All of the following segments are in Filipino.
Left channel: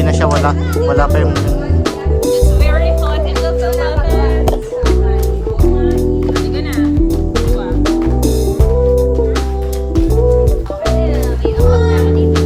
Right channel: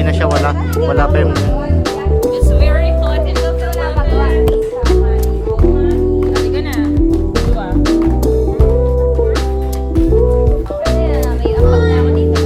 bumili na siya, wala pa yung It's very hot in the Philippines. Halika na. Diba? May ambag na ako dito.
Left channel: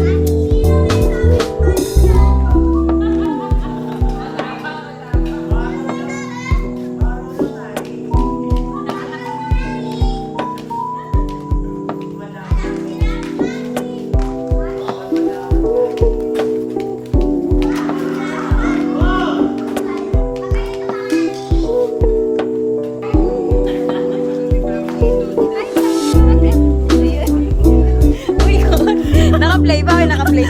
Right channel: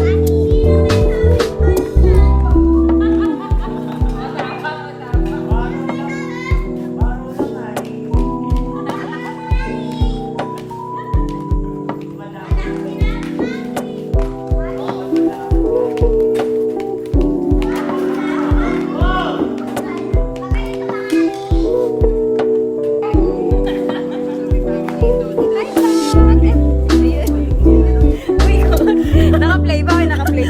Naka-play ba? May naka-play.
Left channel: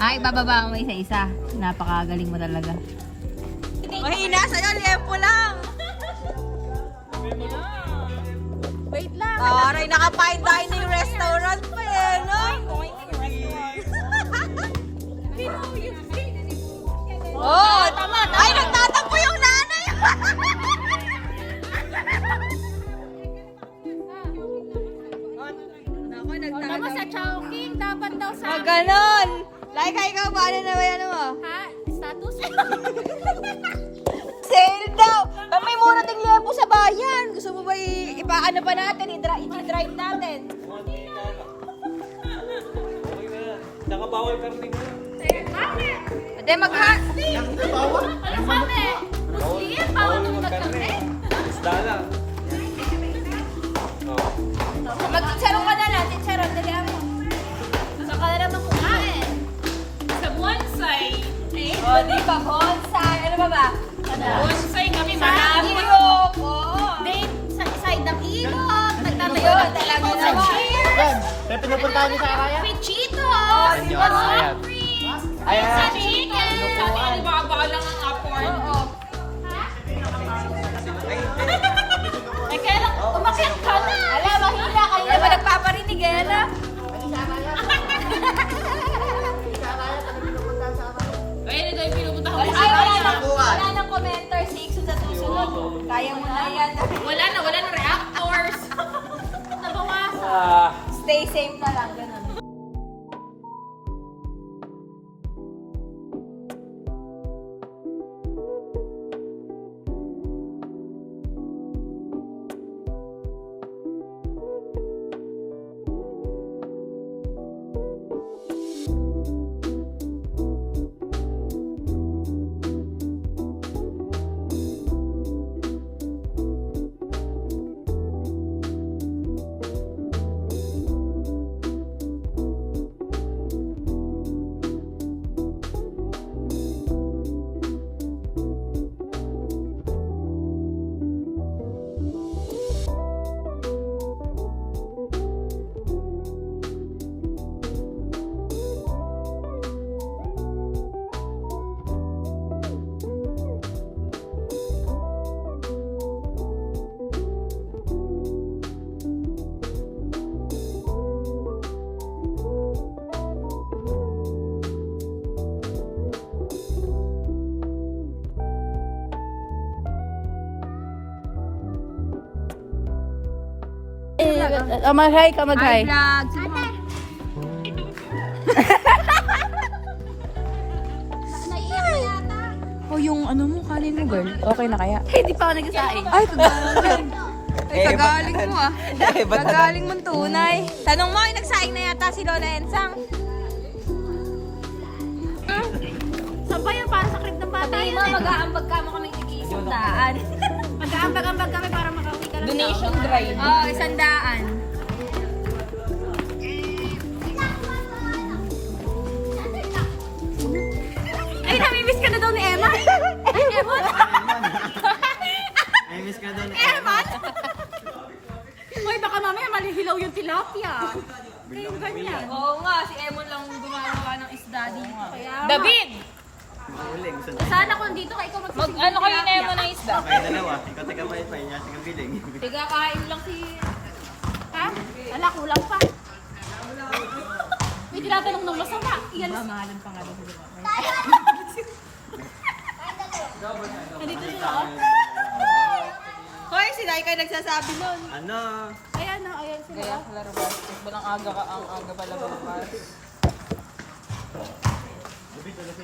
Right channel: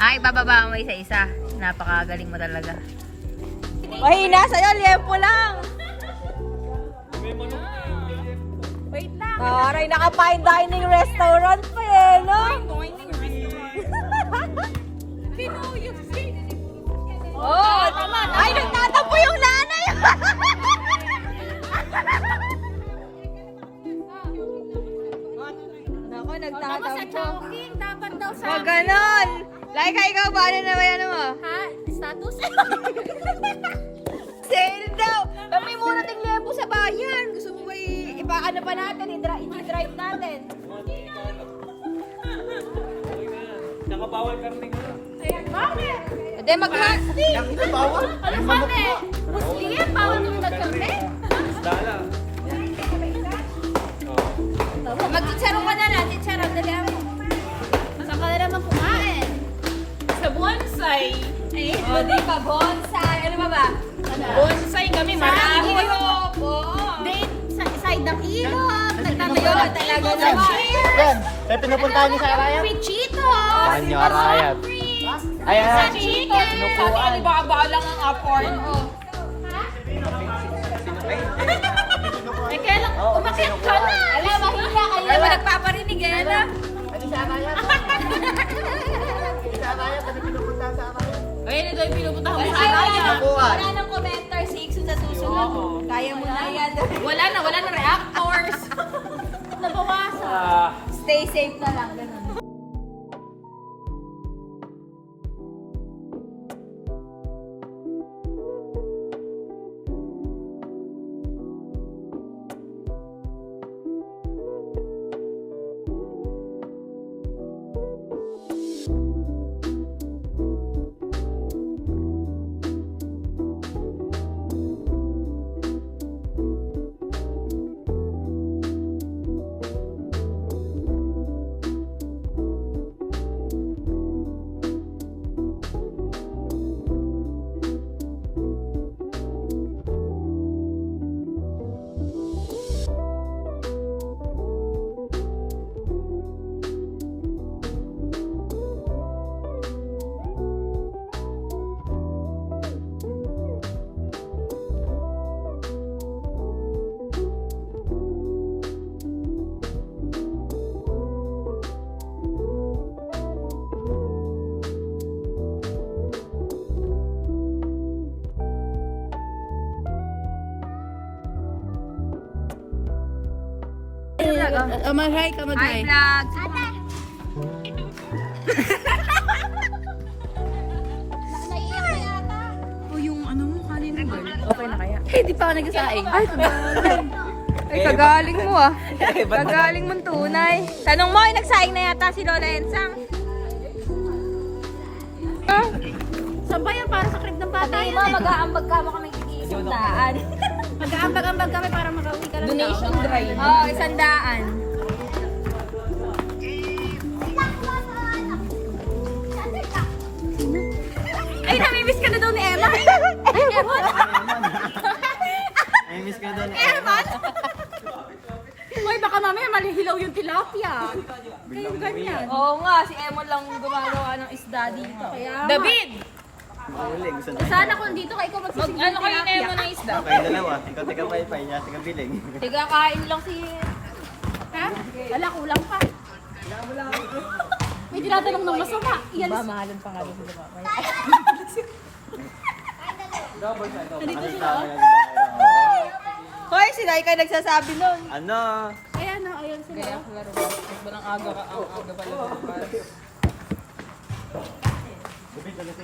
Ay, bababa mo isa-isa. Napakagaling mo talaga. Mahina sa'yo, liempo lang. Wait lang. Aray, naka-fine dining restaurant pa eh, no? Oh, ay, nagtatampo yung nanay. Naku, nagtatampo. Sa Chongqing, dapat daw sa... Pag ganon. Like, ikaw, paano na ba yan mo? Ha? Status? Sale daw! Pero may muna ting liempo sa bayan. Gusto mo ba ipaano pa natin? I-drive natin. Nakabawal karting ka. Bakit? Ade, Ano kami? Muslim? Bawal kami magkarne? Isda lang. Magsarong ka na lang. Sarap na lang. Saka na naman kumain. Sa bonsai. Eh, O, di ba? Bonsai. Ano ba ba? bonsai kami. Sa ilog. Oo. Date sa side ng ilog. Nagtatayo ng table sa naman. cheers. Kaya pinupuntahan niyo sa Araya? With Cheetos. With soft drinks. Ayun sa chicken. Sabi, Alibaba lang ang afford. Oo. Eh, kaya lang, umakyat ka na. Alam, mahila. Kanina ba nagpaparinig, Ella? Ayun, ito yung pinupunta ko. Wala nang commenter si Ikso sa susunod. Kaya mo na yan. Wala na reactors. Nabawasan. Stay safe na lang, ganun. Mag-hi ka, mag-hi. vlog. Sige mo. Oh, yung ano mo, kanin mo, girl. Okay na kaya? Hindi pa ako nagsasaing. Ay, kagaling. Ay, kagaling mo ah. Kagaling mong tunay. Tanong mo, ay nagsaing na yata si Lola Ensang. Saan ba yun? Para sa crib ng bata Tayo yun eh. mag-aambag ka mo kaming tig-100. Mag-aambag-ambag kami para makauwi ka lang. Donation drive. Oo, 100. Ay, namimiss ka na daw ni Emma. Ay, Emma. Ay, miss ka doon. Emma. Hoy, baka mamaya malihilaw yung tilapia. Kayong ganyan. Oo nga, si Emon lang gumagawa ng isda dito. Kaya nga. David! Uli, gusto na. Sana kung dito ka, ikaw magsisigil Ano ng kayo ni tilapia. Emon ng isda? Kayo dalawa. Ikaw taga pay-pay. Niya taga biling. Tiga kain lang si... Ha? Wala, kulang pa. May tinatanong ng masama. Iyan. Mamahalin pa nga doon sa mamaya. Nandito sila. Oh. Hoy, si Laika nagsasabi nun. Ano? Ayan na, ayan sila. oh. Laro ba? Walang aga ka, ang aga pala bukas.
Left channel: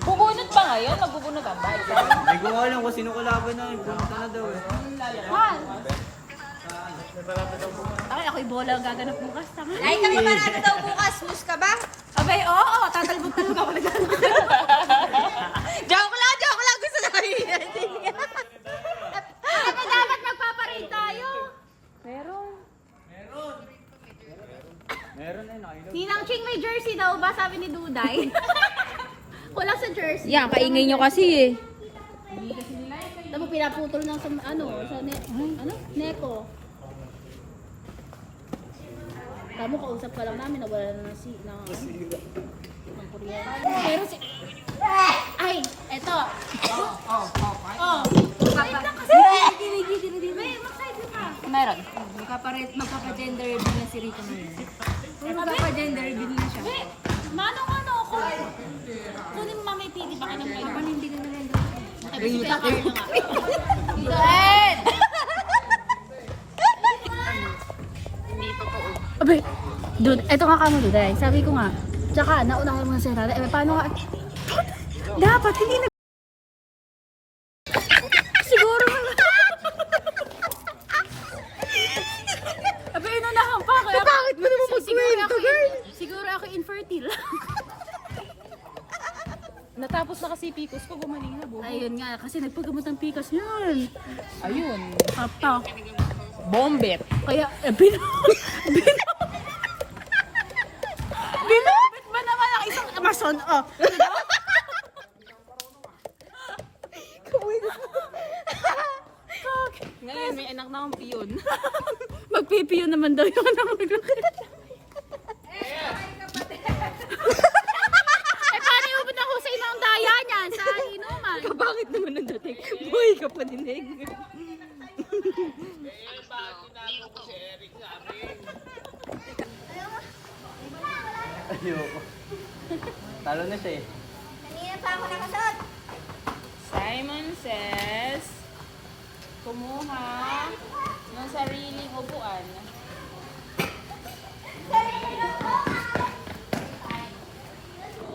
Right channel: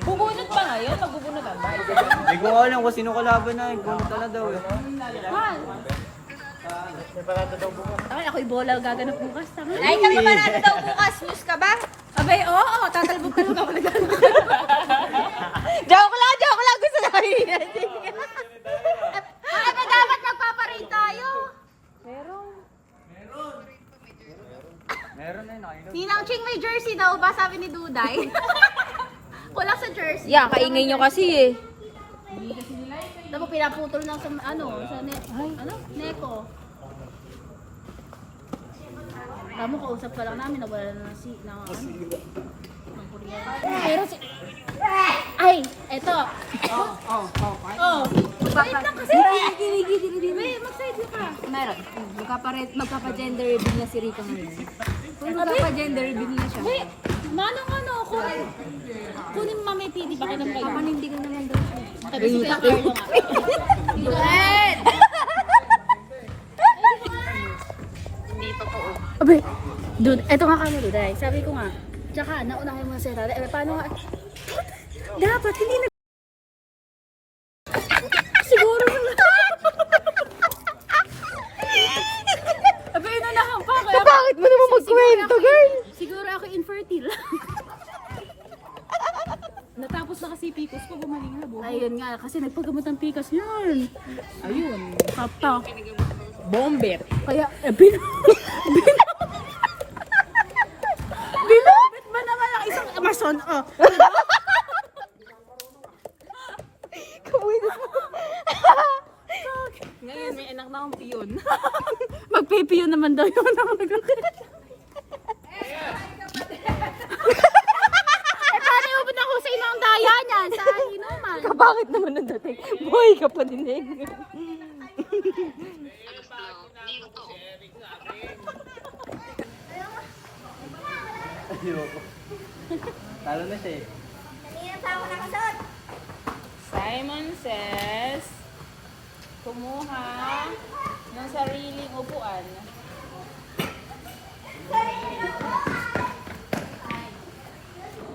Bubunot pa ngayon? Magbubunot ang bahay. Hindi ko alam kung sino kalaban na. Bunot ka na daw eh. Mahal. Ay, ako'y bola gaganap bukas. Tama. Ay, kami pa natin daw bukas. Mus ka ba? Abay, oo. Tatalbog-talbog ako naglalakad. Joke lang. Gusto na kayo. Ano dapat magpaparate tayo? Ninang Ching may jersey daw ba? Sabi ni Duday. Wala sa jersey. Yan, kaingay nyo kasi eh. Ako pinaputol ng sa Neko. Alam mo, kausap pa lang namin, nawala na si... Pero si... Ay, eto. Oh. Wait lang kasi. Wait, mag-side ka. Meron. Magpapa-gender din na si Rita ngayon. Magpapa-gender din na siya. Wait, manong ano, kunin mo mamay PD, bakit ang kayo? Panindigan naman daw siya. Okay, ba si Kuya Carlo nga. Hindi pa po. Abay, dude, eto nga kamo, Duday. Sabi ko nga, tsaka naunahin mo na si Rada. Eh, paano nga? Dapat, hindi na... Siguro na. Abay, inunahan pa. Kaya, Bakit mo naman magkwento, girl? Siguro ako infertile. Natapos na kasi Picos ko, gumaling na buhay. Ayun nga, kasi nagpagamot ng pikas yun. Ayun. Papa. Bombet. Kaya, binobet ba naman ang isang mason? Oh. Ngayon, may anak na akong piyon. Magpipiyo naman daw yun. Paano mo na kung sino ang daya niyan sa inuman? Kapangit naman ng dating. Buhay ka pa dinig. Ayoko. Talo na siya eh. Simon says, kumuha ng sariling upuan.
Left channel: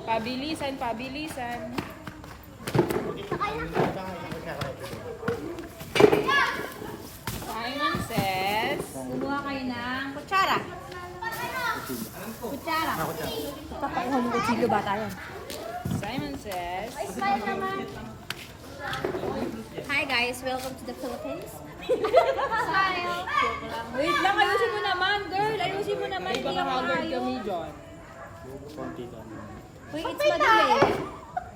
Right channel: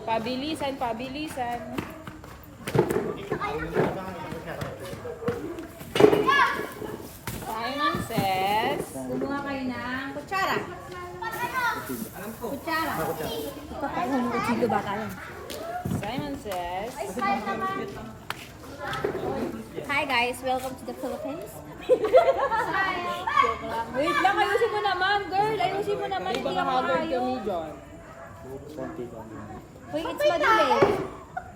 Pabilisan. Simon says, Kumuha kayo ng kutsara. Kutsara. Ako siya. Papakuha mo kutsilyo ba tayo? Simon says, Hi guys, welcome to the Philippines. joke lang. Wait lang, ayusin mo naman, girl. Ayusin mo naman. Hindi ako ayaw. John. Konti ka. Wait, it's madali.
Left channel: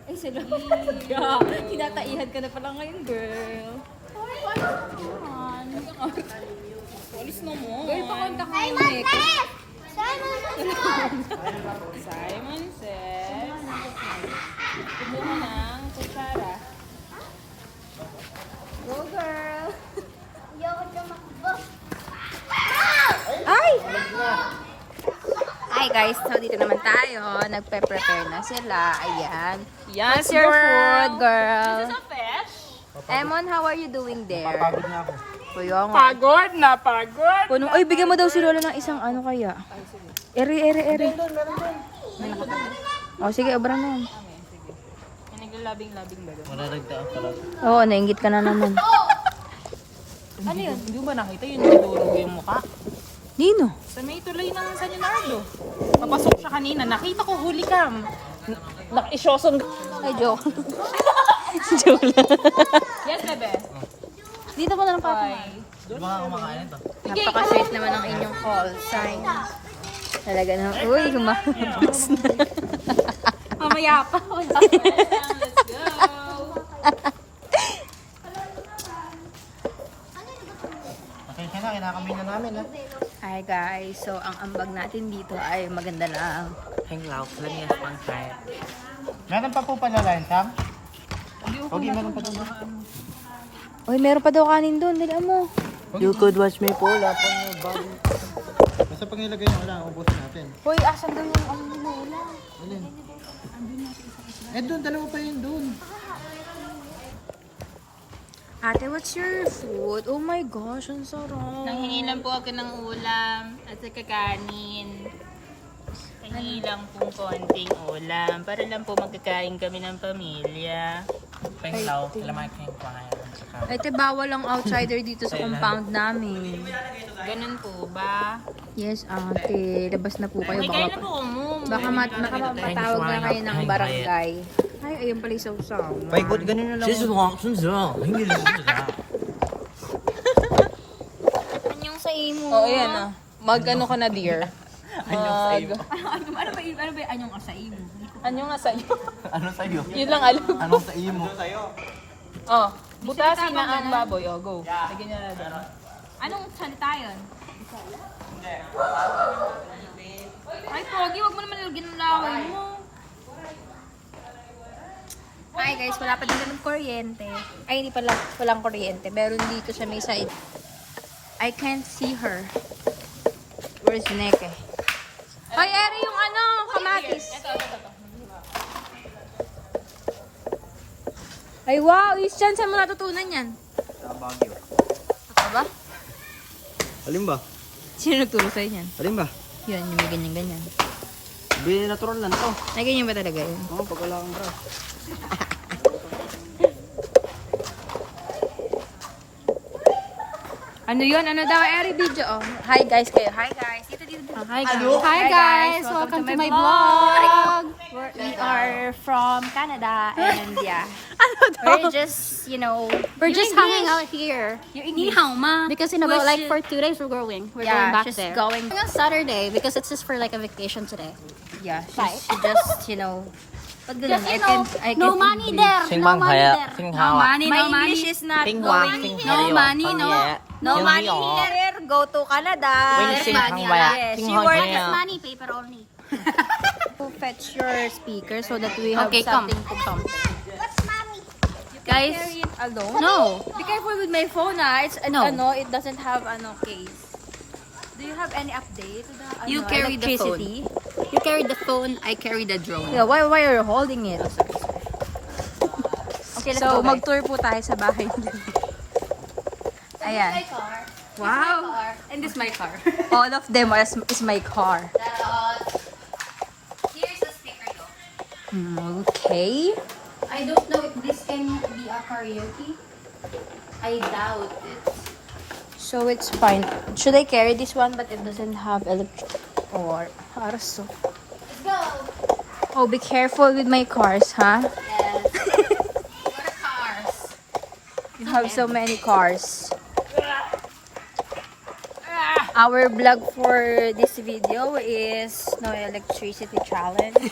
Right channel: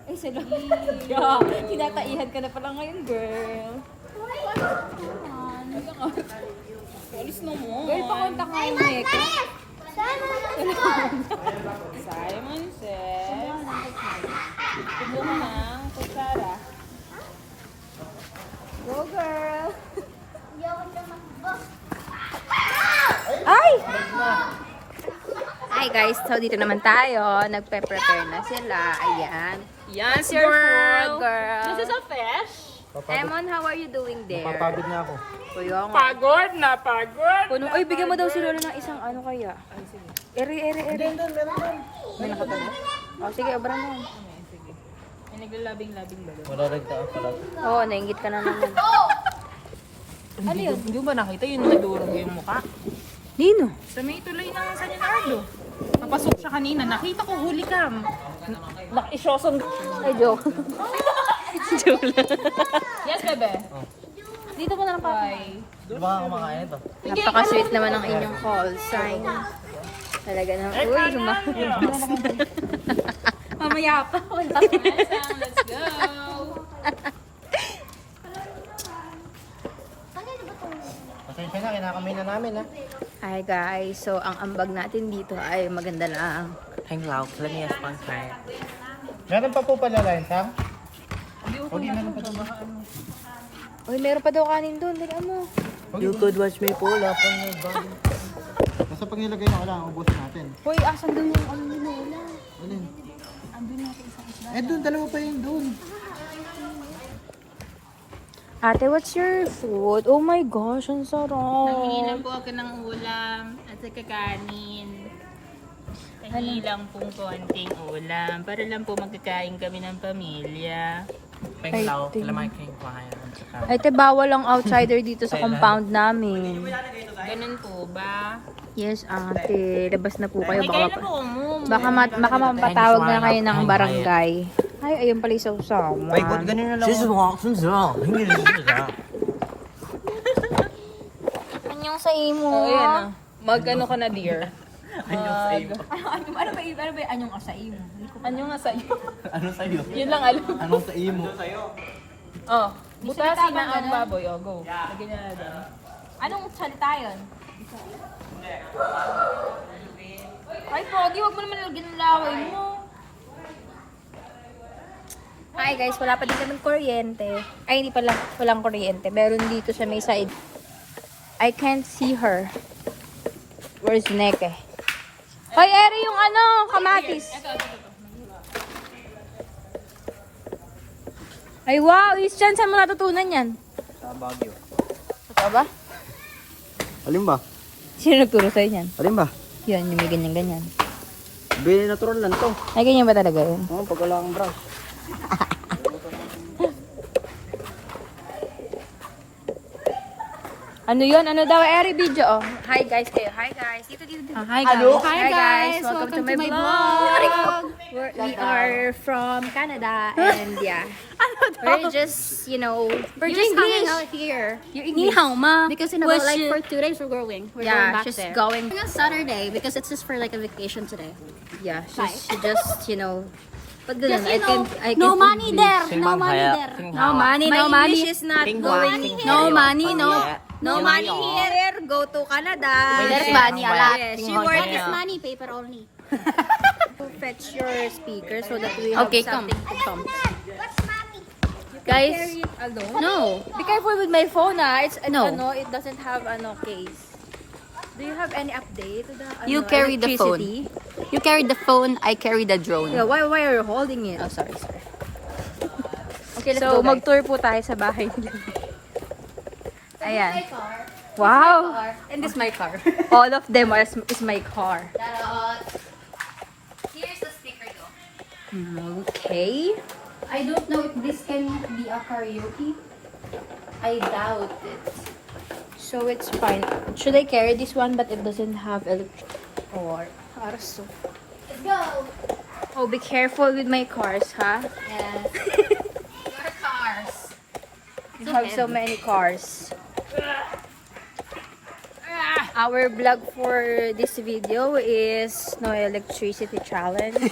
Ay, sila. Yeah. Tinataihan ka na pala ngayon, girl. Alis na mo. Girl, pakunta ka yung Neko. Simon says, kumuha ng kutsara. Go girl! Ay! Hi guys, so dito naman tayo. Nagpe-prepare na sila. Ayan. Yan, What's your food, girl? This is a fish. Emon, how are you doing there? Papagod na ako. Kuya nga. Pagod na pagod. Puno, ay, bigyan mo daw si Lola ng isang ano kaya. Ere. May nakatabi? O, sige, obra mo yan. Ay, naglalabing-labing ba? Mararagtaan pala. Oo, nainggit ka na naman. Ano yun? Hindi ba nakita yun nadurog yung mukha? Nino? Sa may tulay ng San Leonardo. Papasok siya kanina. Nakita ko huli cam. Nakisyoson. Ay, joke. Joke lang. Yes, bebe. Dito ko na lang pa. Hindi ba ka kumakain ito? Napaka-sweet naman ang inyong call sign. Talaga na. Uy, lumabas na. Mamaya pa. Pasensya na, kinakamay nyo namin ha. Hi guys, so ang ambag natin dito ay maganda lang. Hanglaw, lamiyas pang kain. Meron pa po pala line, Sam? Hindi naman pa dito. Uy, meron pa daw kanin doon. Dali mo. You could watch me pull up on your body. Basta pag nilagay nyo, kailangan ubusin natin. Uy, asan doon yung ano ni Lola? Alin? Eh doon, dalawa pa yun doon. Ate, what's your food? Oh my gosh, ang sarap. Nangingi lang po ako ng ulam at saka kanin. Nangingi lang pong konting ulam para lang po magkakain kami ng pamilya. Penglaw, kailangan kayong kumain. Ate, bawal ang outsider dito sa compound namin. Ganun po ba? Yes, ate. Labas na po kayo. Ay, kaya na Baka, po umuwi. baka mapatawag na kayo ng barangay. Ay, ayun pala yung sausawan. ganun na lang. Anyong sa imo. Oo, yan ah. Mag-ano ka na, dear? Ano ba anyong asay mo? Anong nga sa'yo? Ano sa'yo? Yun lang alam. Anong sa imo? Oh, butasin na ang baboy. Oh, go. Lagyan niya na doon. Anong salita yun? Ay, Pogi, wag mo naman nilagyan ng laway mo. Hi guys, wala pa din kami kuryente. Ay, hindi pala, walang kuryente. Meron dito sa may side. I can't see her. Where's Neke? Hoy, Eri, yung ano, kamatis. Ito. Ay, wow, Christian, saan mo natutunan yan? Sa Baguio. Totoo ba? Alin ba? Sino nagturo sa'yo yan? Alin ba? Yun, yung may ganyan-ganyan. Natural lang to. Ay, ganyan ba talaga yun? Oo, pag wala kang brush. Ano yun? Ano daw? Eri video. Oh, hi guys kayo. Hi guys. Dito. Hi guys. Welcome to my vlog. We are from Canada and yeah. We're just, We're just hanging out here. Ni hao ma. Because in about like for 2 days we're going. We're Yeah, going back just there. going. On Saturday because it's just for like a vacation today. Yeah, just pag ganun, Just no money there. No money there. No money, no money. English is not going. No money, no money here. Go to Canada. Yes, money a lot. Yes, She work is money, paper only. Fetch your speaker so that we have Okay, come. something to come. Guys, Carry it alone. no. Be careful with my phone, It's No. it doesn't have case. Do you have any update to the You carry the phone. electricity? You carry the phone, I carry the drone. Yeah, why are you holding it? Oh, sorry. Okay, let's So, go. mag-tour po tayo sa bahay nila. Ayan. Wow. And this is my car. All of them is my car. Here's the sticker though. Okay. I don't know if this can be a karaoke. I doubt it. So, it's fine. Should I carry this one but it doesn't have or Let's go. Oh, be careful with my cars, huh? Yes. Your cars. You have so many cars. Our vlog for this video is no electricity challenge.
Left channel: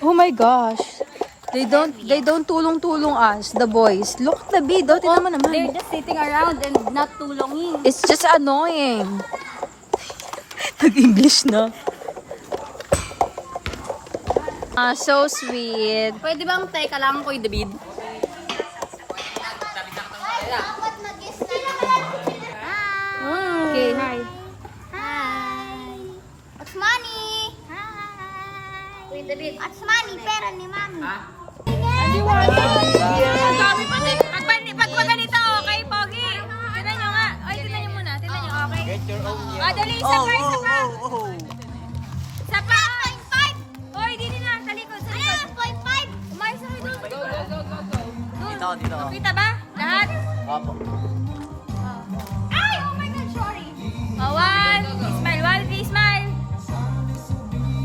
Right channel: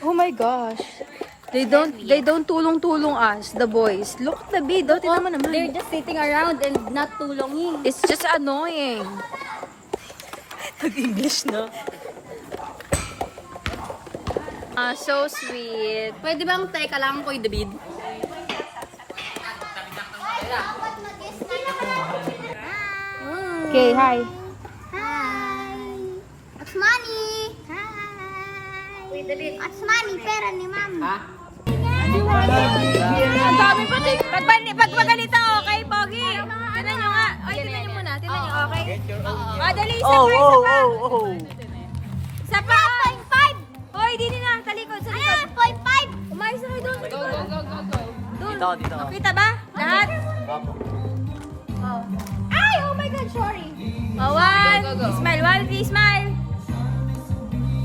Oh my gosh. They don't tulong-tulong us, the boys. Look at the video, tingnan mo naman. They're just sitting around and not tulongin. It's just annoying. Nag-English na. So sweet. Pwede bang teka lang ko David? Okay, hi. Hi! What's money? Hi! Wait a bit. What's money? Pera ni mami. Ha? Ang dami pati. Pag ganito, okay, Pogi? Tinan nyo nga. Ay, tinan nyo muna. Tinan nyo, okay? Dali, isa pa, isa pa. Isa pa. Hoy, dini na. Sa likod, sa likod. Umayos na kayo doon, sa likod. Doon. Dito. Makita ba? Lahat? Ay, oh my God, sorry. Oh, one. Smile, Walfie, smile.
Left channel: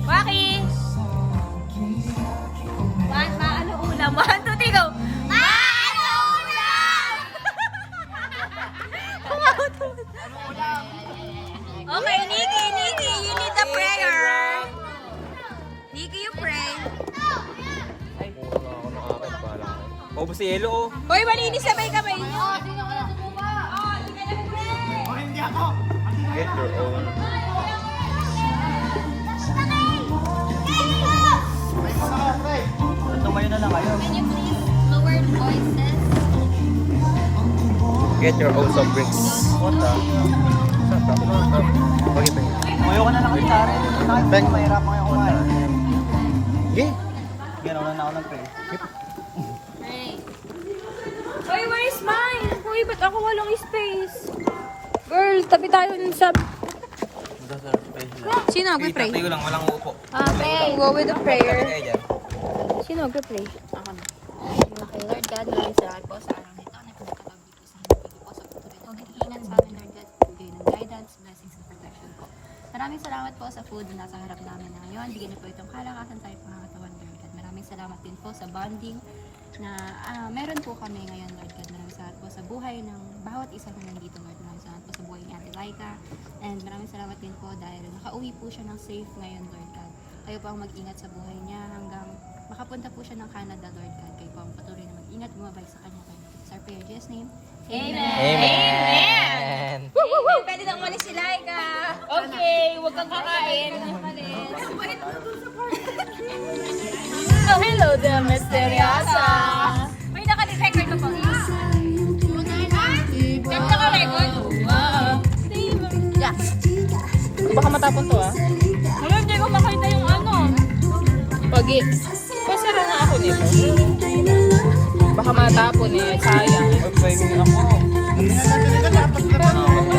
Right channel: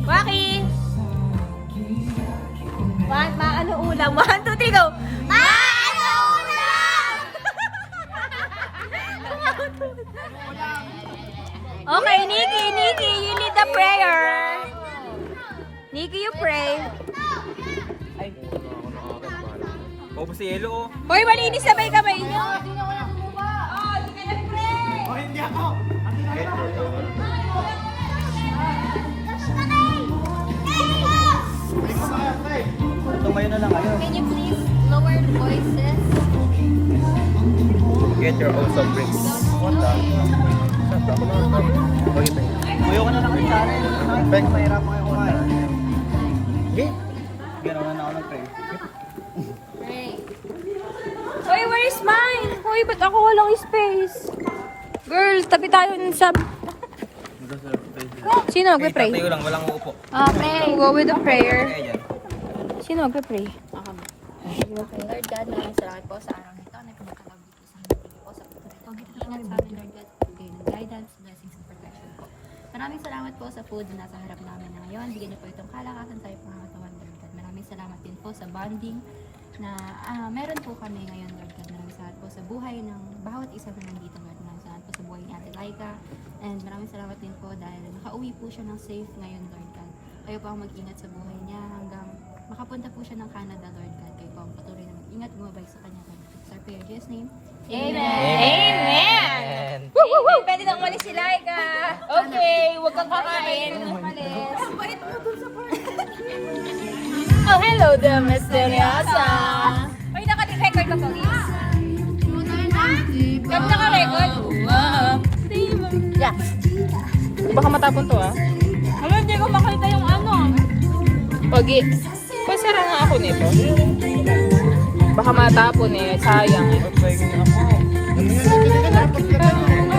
Waki. Ano ulam? 1, 2, 3, go. Ano ulam? Okay, Nikki, you need the prayer. Nikki, you pray. May si Elo. Hoy, malinis sabay kamay. Oh, hindi ako. Tumayo na lang kayo. Can you please lower the voices? Get your own some bricks. Tumayo ka na lang kayo, Tara. Bek, mahirapan kayo kumain. Okay. Gano'n na ako ng tray. Hoy, where's mine? Hoy, ba't ako walang space? Girl, tabi tayo ng sub. Sino magpe-pray? Tayo lang, walang uupo. Amen. Go with the prayer. Ganyan. Sino magpe-pray? Ako na. Okay, Lord God, maraming salamat po sa araw nito na pinagkakabit ko sa amin. Thank you po sa pagtuloy sa amin, Lord God. Bigay ng guidance, blessings, and protection po. Maraming salamat po sa food na nasa harap namin na ngayon. Bigyan niyo po itong kalakasan tayo pangatawan, Lord God. Maraming salamat din po sa bonding na meron po kami ngayon, Lord God. Maraming salamat po sa buhay ng bawat isa na nandito, Lord. Maraming salamat po sa buhay ni Ate Laika. And maraming salamat din po dahil nakauwi po siya ng safe ngayon, Lord God. Kayo po ang mag-ingat sa buhay niya hanggang makapunta po siya ng Canada, Lord God. Kayo po ang patuloy na mag-ingat, gumabay sa kanya. It's our prayer, in Jesus' name. Amen. Amen! Amen. Pwede nang umalis si Laika. Okay, huwag kang kakain. Oh, hello there, Misteriosa. Hoy, naka-record ka po. Kami naka-record? Yeah. Baka matapon to ah. Wala, hindi ko makita yung ano. Pogi. May sira na ako dito. Baka matapon eh. Sayang. Wala,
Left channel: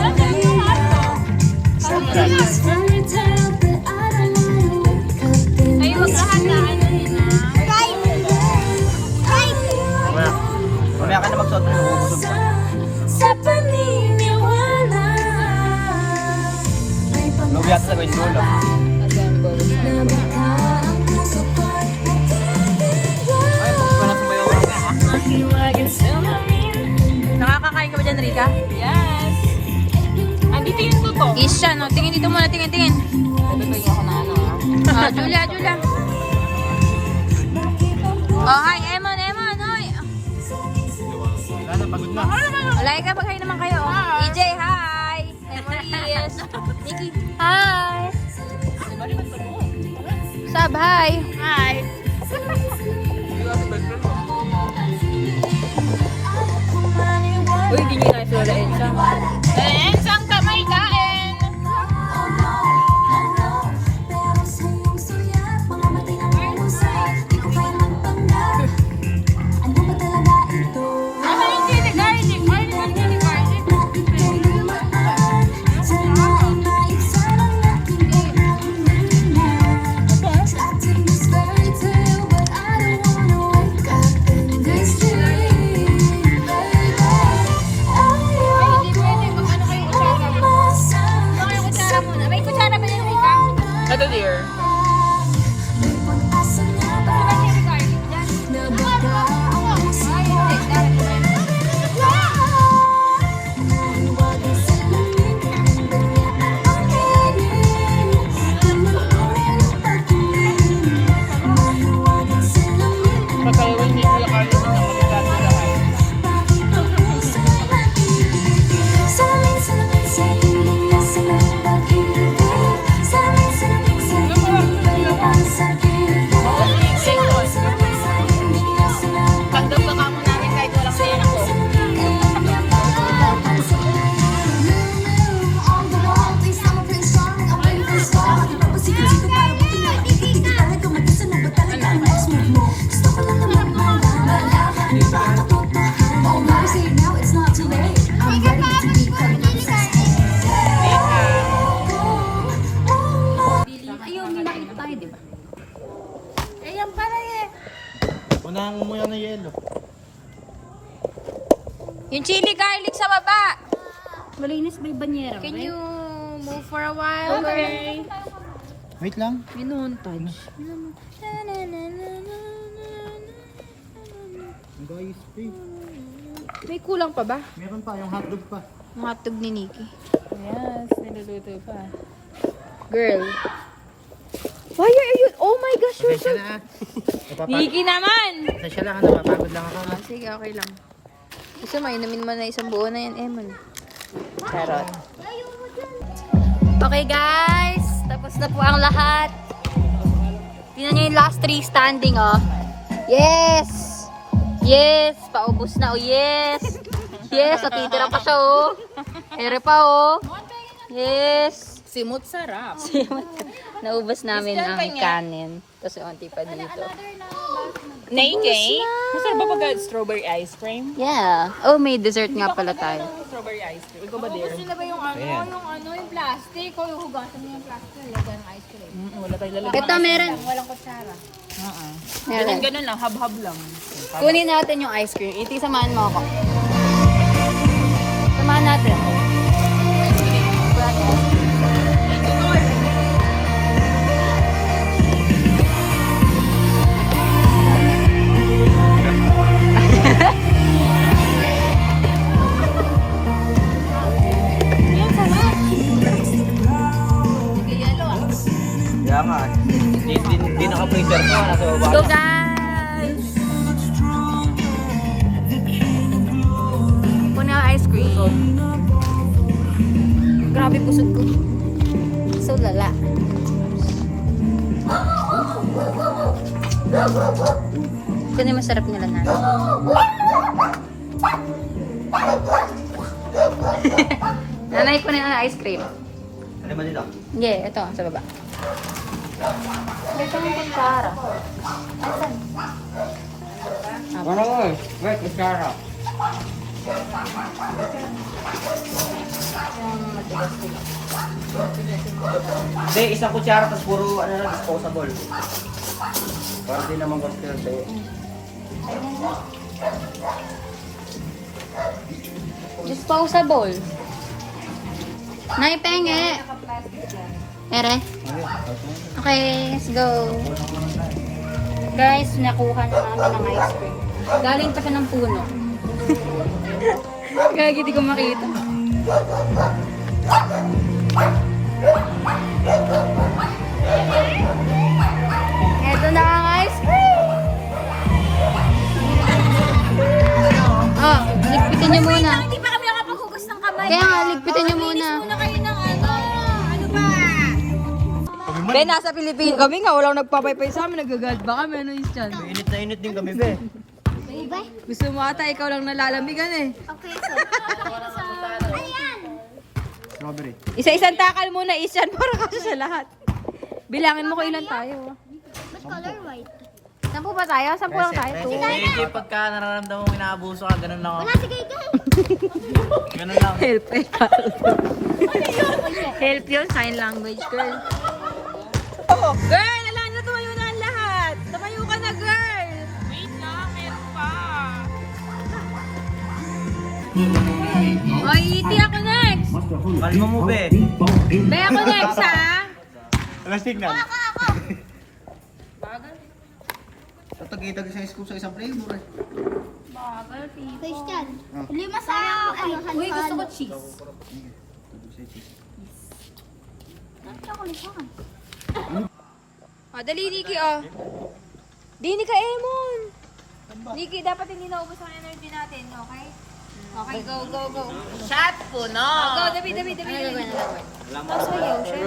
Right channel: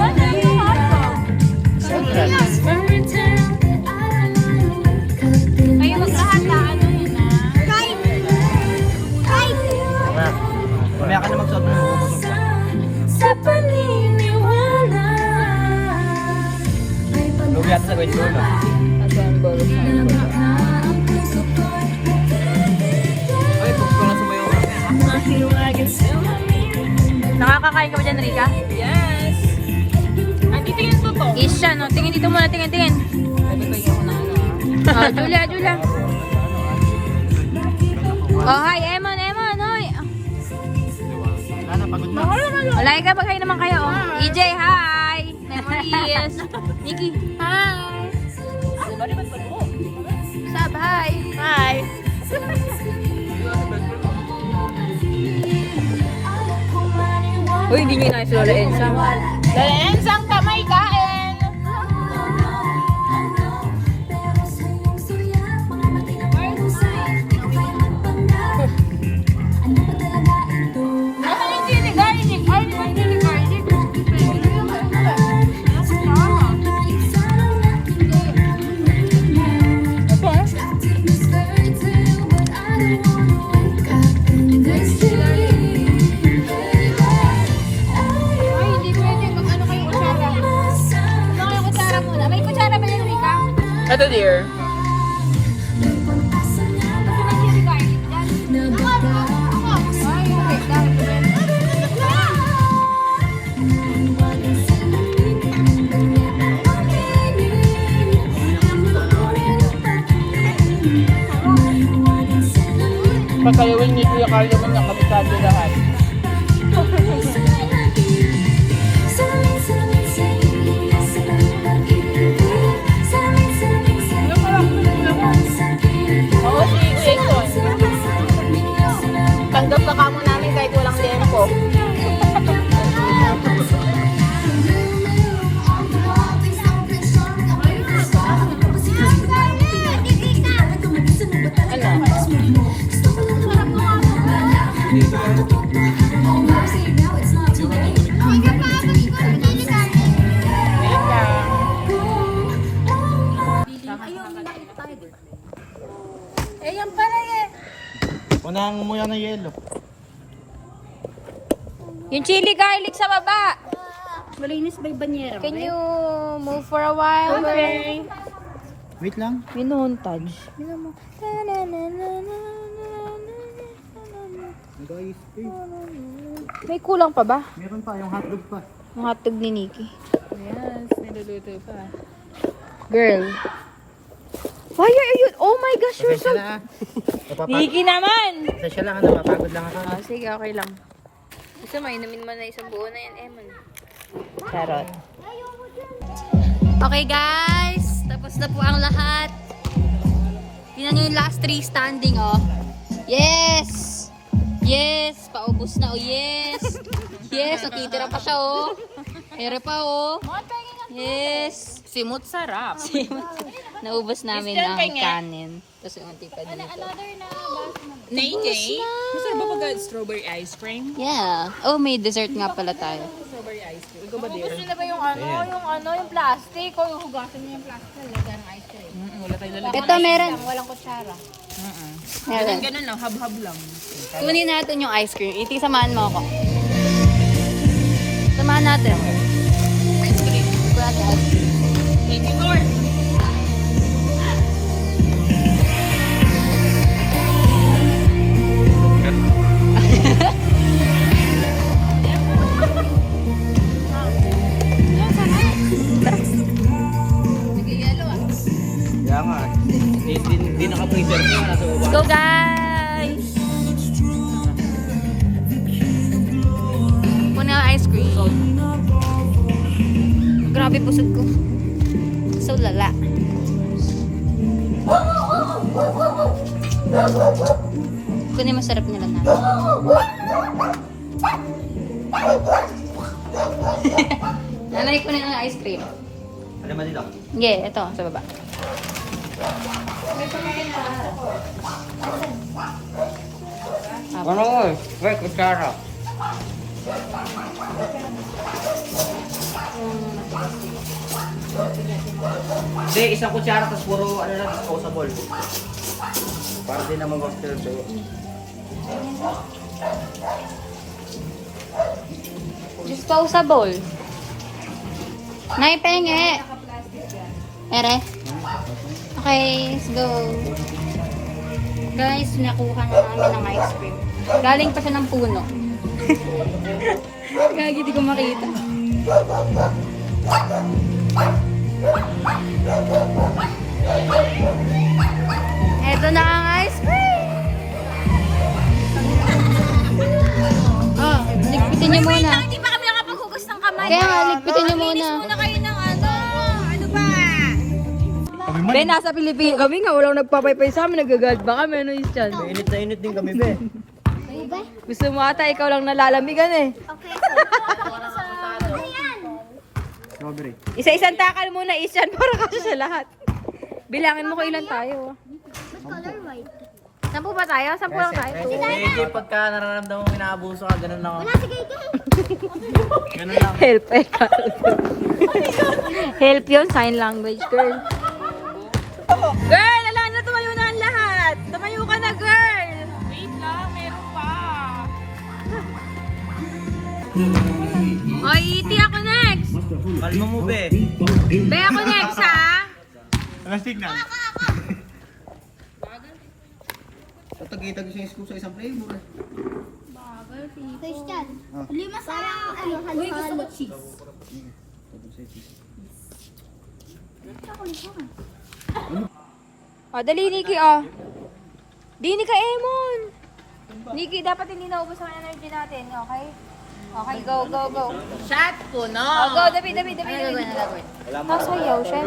sabi yung ano. Kayo maglahat na ano yun ah. Mamaya ka na magsuot mo. Ubusog ka. Sa paniniwala. Lugi yata sa gawin ko lang. Ay, kung ka na sumayo ka na. Nakakakain ka ba dyan, Rika? Yes! Andito yung tuto. Isha, no? Tingin dito muna, tingin. Oh, Julia. Oh, hi, Emon, hoy. Wala na, pagod na. Laika, bagay naman kayo. EJ, hi. Memories. Nikki, hi. Sab, hi. Hi. Uy, hindi nyo na sila Laensang. Laensang, tamay kain! Asan yung chili garlic? Ay, di ba chili garlic? Ay, hindi pwede. nangangamoy ng yelo. Yung chili garlic sa baba. Malinis ba yung banyera? Can you move for a while, girl? Wait lang. Minuntage. Guys, May kulang pa ba? meron pa, yung hotdog pa. Yung hotdog ni Nikki. Yes, niluluto pa. Girl. Why are you? Oh my gosh, you're so... Pasensya na. Nikki naman! Pasensya lang, napapagod lang ako. Ah, sige, okay lang. Gusto mo, inumin mo na isang buo na yan, Emon. Charot. Okay, guys. Tapos na po ang lahat. Tingnan nyo yung last 3 standing, oh. Yes! Yes! Paubos na, oh. Yes! Yes! O, titira pa siya, oh. Ere pa, oh. Yes! Simot sarap. Naubos namin Christian ang pa niya. kanin. Tapos yung onti pa dito. Nakay? Masarap ba pag strawberry ice cream? Yeah. Oh, may dessert nga pala tayo. Strawberry ice cream. Ikaw ba, dear? Gusto na ba yung yung plastic? O yung hugasan niyo yung plastic? Lagyan ng ice cream. Wala tayo lalagyan. Ito, meron. Walang kutsara. Meron. Ganun lang, hab-hab lang. Kunin natin yung ice cream. Iti, samahan mo ako. Samahan natin. Wala tayo ice cream. Kaya nga. Di naka-freezer ko. Nasa baba. Let's go, guys! Kunin ang ice cream. Grabe pusod ko. So lala. Kunin masarap nila natin. Nanay, kunin ang ice cream. Ano ba dito? Yeah, ito, sa baba. Ano mo? Wait, kutsara. Hindi, isang kutsara tapos puro ano lang, disposable. Para di naman cocktail sa'yo. Disposable. Naipenge. Ere. Okay, let's go. Guys, nakuha na namin ng ice cream. Galing pa siya ng puno. Gagi, di ko makita. Eto na ang ice cream! Oh, ligpitin niyo muna. Hindi pa kami nakapaghugas ng kamay. Kaya nga, ligpitin niyo muna. Muna kayo ng ano. Ano ba? Be, nasa Pilipinas kami nga, walang nagpapaypay sa amin, nagagad ba kami, ano yung dyan? Init na init din kami, be. Ube? Gusto mo ata, ikaw lang nalalamigan eh. Okay. Ano yan? Strawberry. Isa-isang takal muna, isyan para kasi sa lahat. Bilangin mo kung ilan tayo. Ba't color white? 10 ba tayo? 10 lang tayo. Hindi, pagka nararamdaman mo inaabuso ka, ganun lang ako. Wala si Gay. Ganun lang. Help eh, help yun, sign language, girl. Girl, alam na, tumayo na ang lahat. Tumayo ka na, girl. Wait lang, meron pa. Oy, iti ako next. Kalma mo, be. Be, ako next, ha? Anong signal? Tatagitag sa scoop sa isang flavor eh. Christian. Lima sa ano, halo-halo. cheese. O, dali, Nikki, oh. Di, ka, Emon. Nikki, dapat hindi naubos ang energy natin, okay? Okay, go, go, go. Shot po, no? Go, dabi. Wala mo. Sayaw, siya.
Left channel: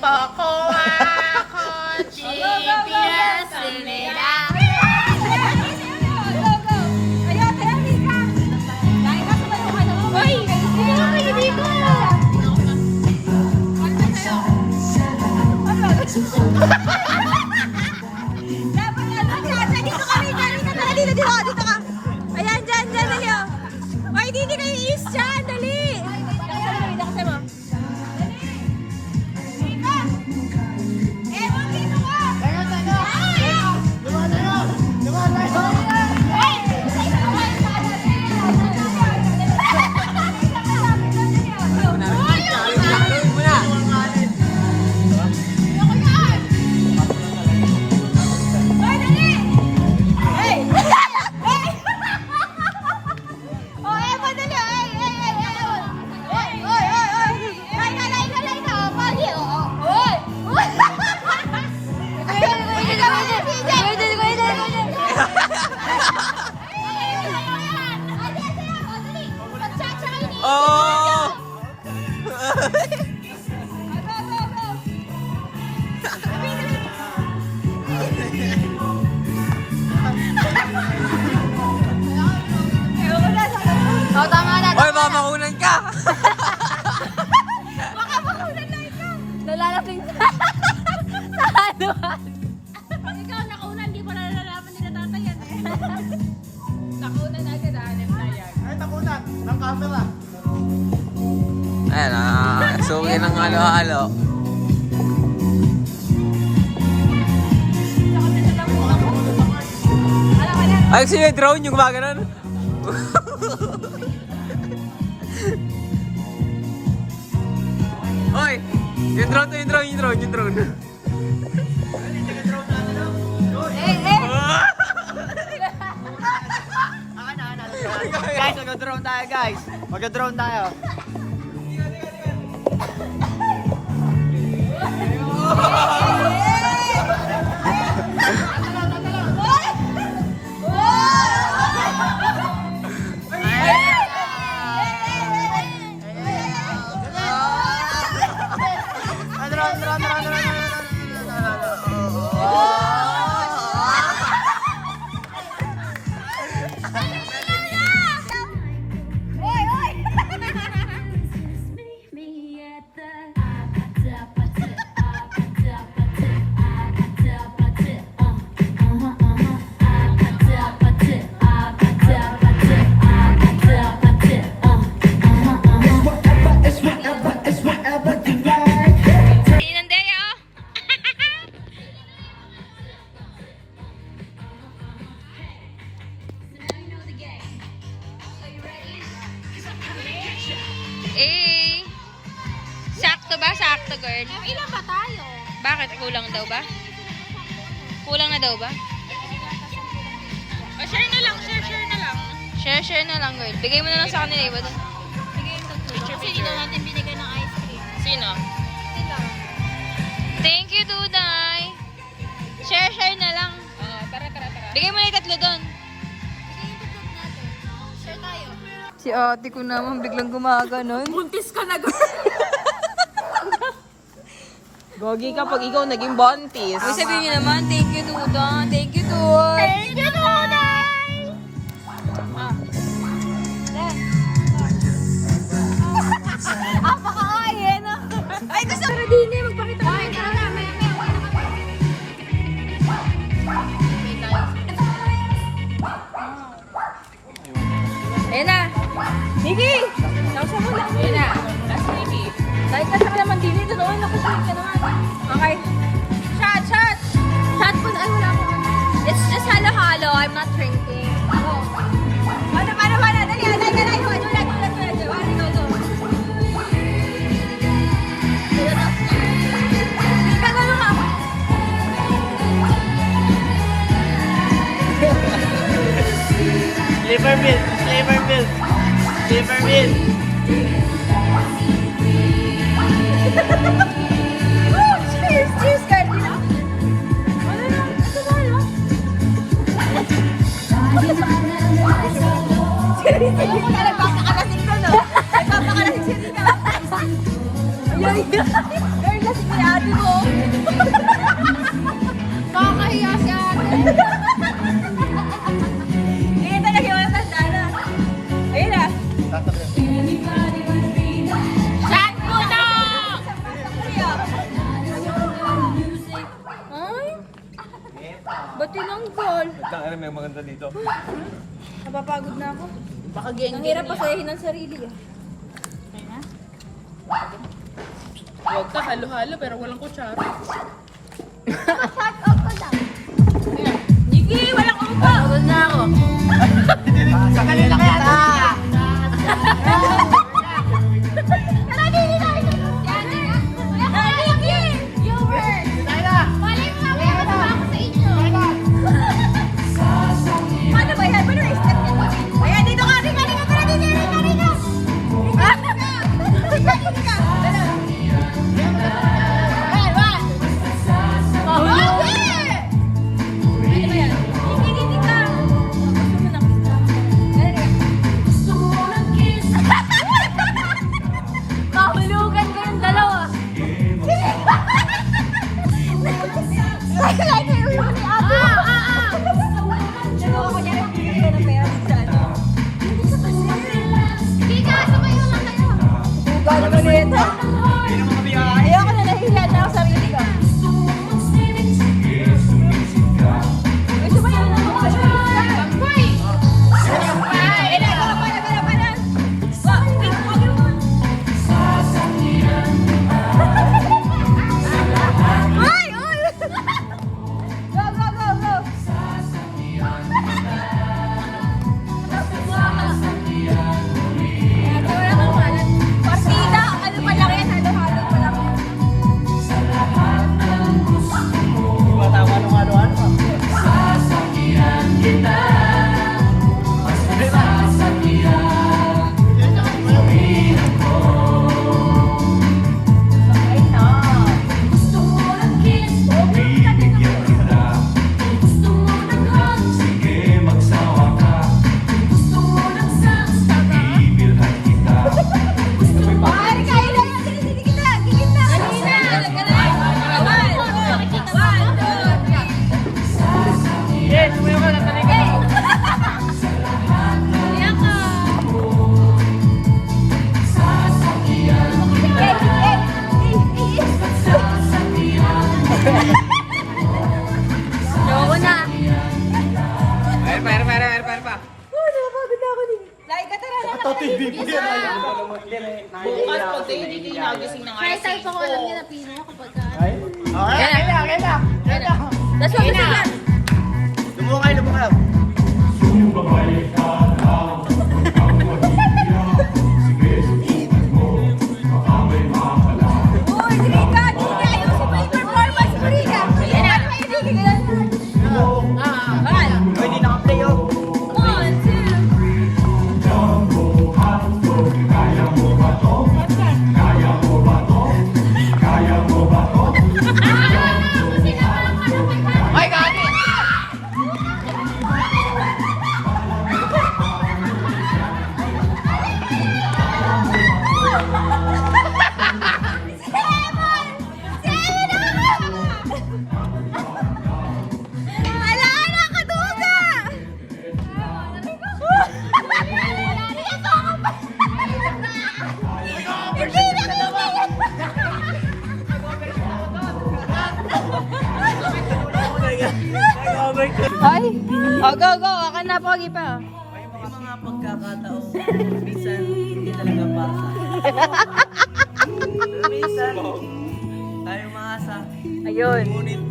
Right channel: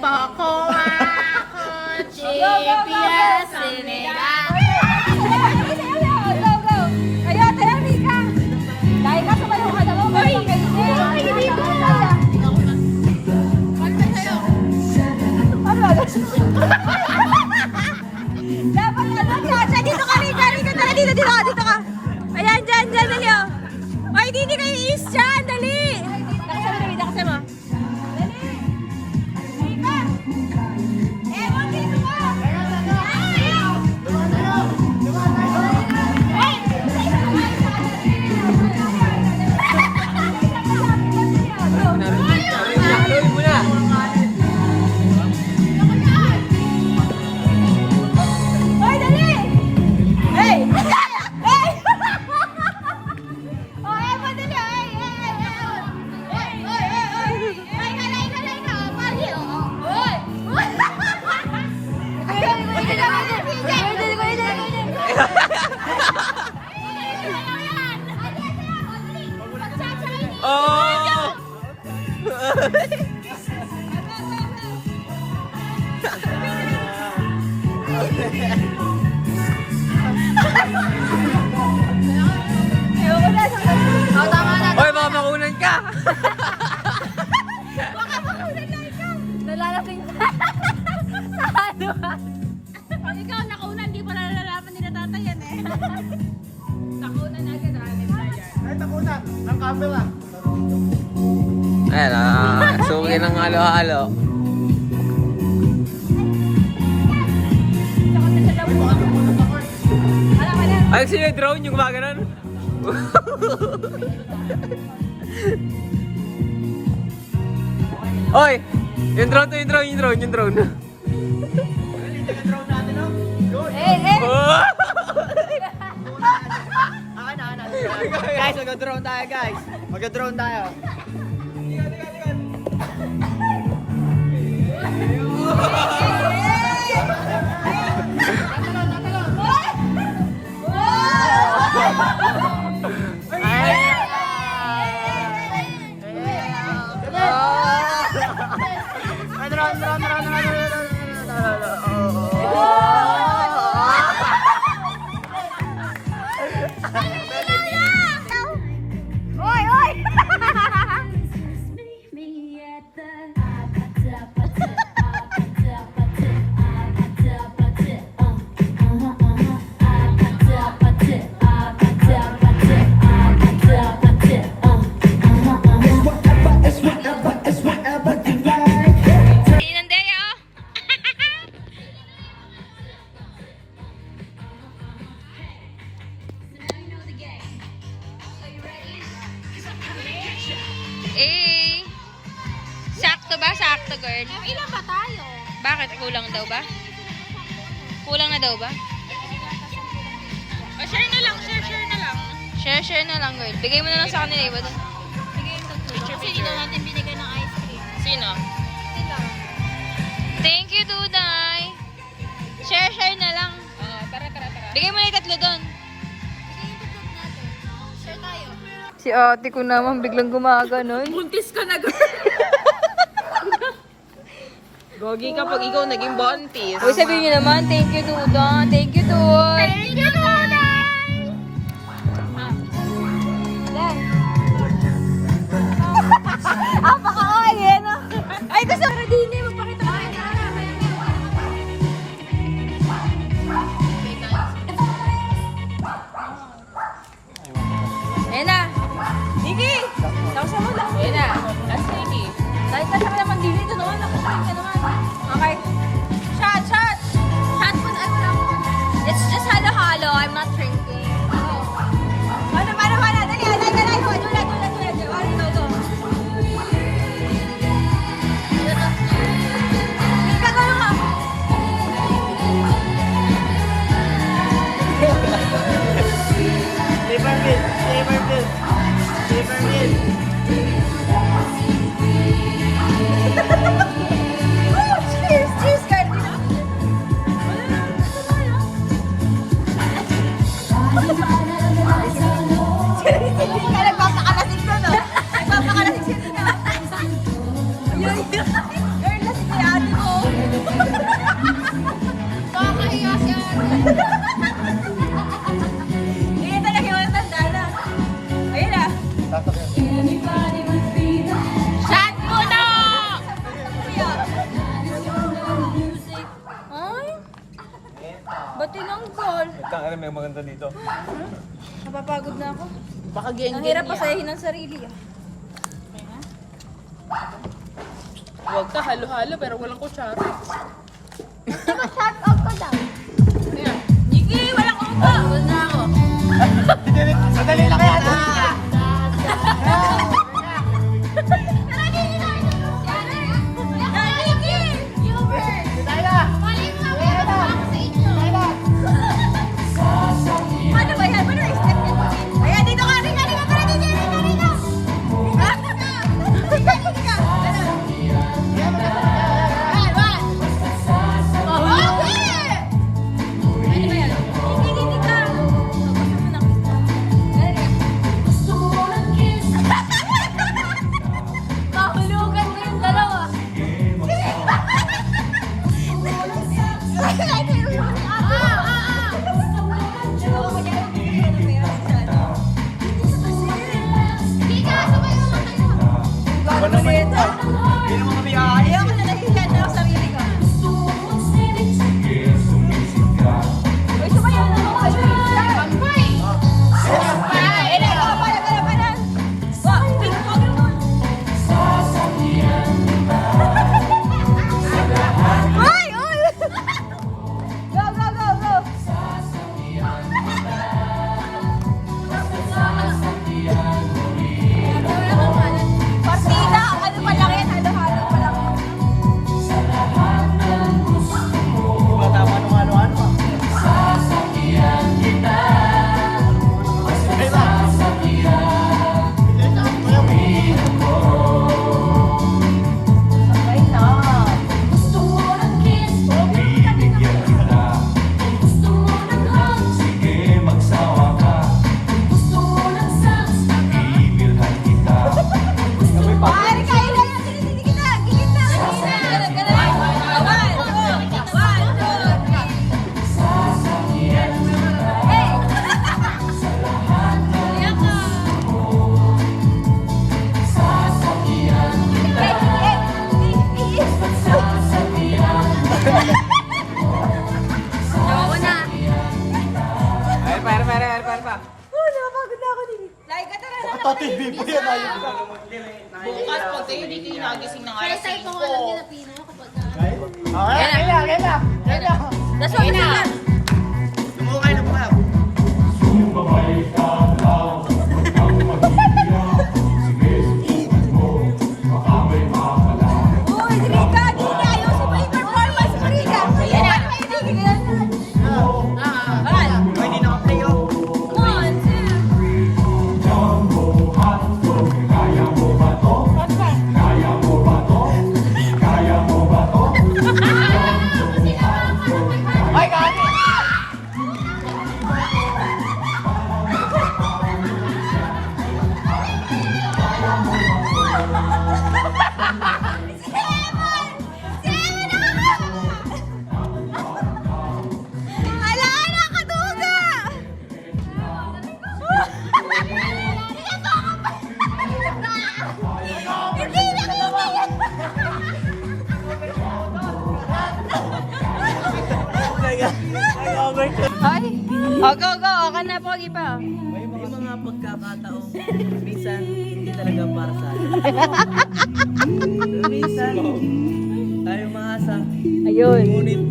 Coco ako, chipia, sinila. Oy, mamakunan ka! Lalalaking ikaw, nakunan, di pa nalalaman ni natatayan eh. Nakunan agad, hanip na yan. Ay, takunan! Ng camera! Ayan, suki ng halo-halo. Tsaka sa labunan ko. Alam ka na. Ay, sino yung drone yung gumaganon? Oy! Yung drone. Ah, Guys, mag-drone tayo, guys. Mag-drone tayo. Eh, sakto ba? Sakto, girl. Ilan ba tayo? Bakit? Kulang daw ba? Kulang na daw ba? Share na lang, share na lang. Share na lang, girl. Bigay mo na lang sa kanila, iba doon. Kasi hindi daw natin binigay ng ice cream. Sino? Thank you, Duday. Share na lang. Tara. Bigay mo na yung tatlo doon. Bigay yung tutok natin. Share tayo. Si ate ko naman biglang gumaganon. Buntis ka na, girl. Gogi ka pag ikaw naging buntis. Uy, sabihin niyo naman, thank you, Duda. Thank you, Dude. Paka-oy, no? Ay, gusto ko din eh. Magpakita ka rin sa akin. Ayan na. Nikki! Laksa mo lang. Yun na. Last lady. Kahit ka sa naman din ito noon, nakutuloy ka naman. Okay. Shot! Shot po. Ay, wala ko. It's just halo-halo. I'm not drinking. Go. Paano? Dali. Ulat. Go. Gagawin mo. Oh, cheers, guys. Hindi ka nagpapakalasing ko, no? Nagpapakalasing siya dito. Girl, lasing ni ate mo. Nakakahiya si ate. Hindi talaga yung matanda na. Ayun na. Shot mo na! Ay, ba't tinanggal? May maganda dito. Napapagod na ako. Baka Ang hirap pasayahin ng sarili, ah. Huwag ka halo-halo pero walang kutsara. Shot up ko daw. Nikki, walang upo! Huwag na ako. Sandali lang yan. Paano ba yan? Paano i-step yan? Ayan, dito ka! Rika! Tara, dito! Rika! Ganun. Ayan, one! Okay! Paano ba yan? Rika! Pag gusto mo na. Ganun, Rika. Bukas pag kayo di kayo nagising ng alas 5. Yan na. That's what we said. Lumukay. Uy, Rika! Hindi ayusin mo yung performance mo, Rika! Paano may hindi ka ganun? Uy, hindi naka-play oh. 1, 2. Ala, nakaduga! Hindi Ay, go. Ka na, pogi pa. May mga pagkakataong minsan hindi talaga para sa akin. Minsan, tayo maasa. Ayun. Ngunit,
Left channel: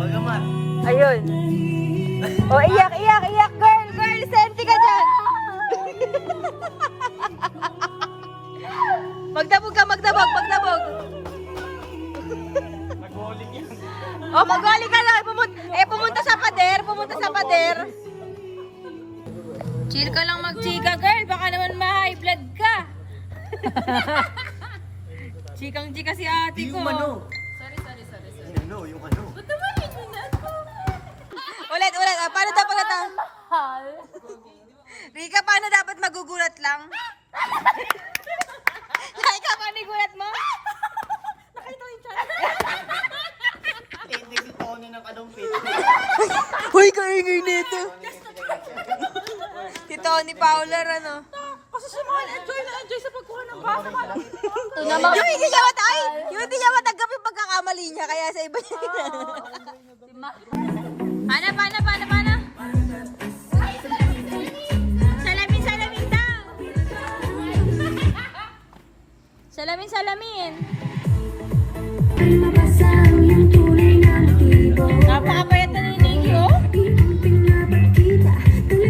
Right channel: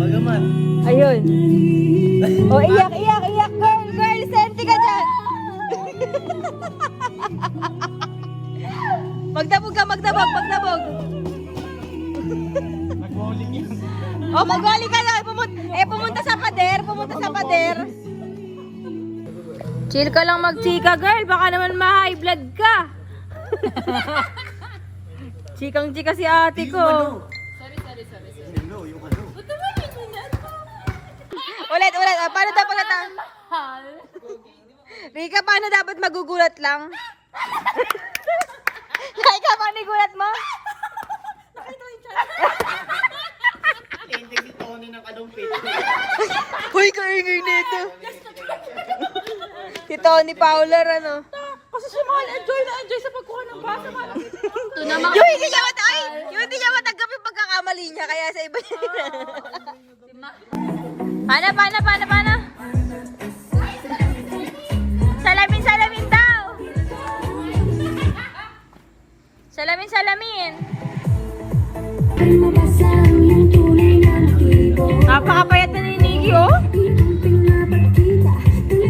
bagaman, Ayun. O, iyak. Girl, senti ka dyan. Magdabog. O, magwali ka lang. Pumunta sa pader. Chill ka lang magchika, girl. Baka naman ma-high blood ka. Chikang-chika si ate ko. Ulit. Paano dapat Rika, paano dapat magugulat lang? Rika, paano igulat mo? Nakita mo yung chat? Hindi ko na ng kadumpit. Uy, kaingay nito. Si Tony Fowler, ano? Kasi si Mahal, enjoy sa pagkuha ng basa. Yung hindi niya matanggap yung pagkakamali niya, kaya sa iba niya. Paano? Salamin daw! Salamin! Napakapayat na ni Nikki, oh!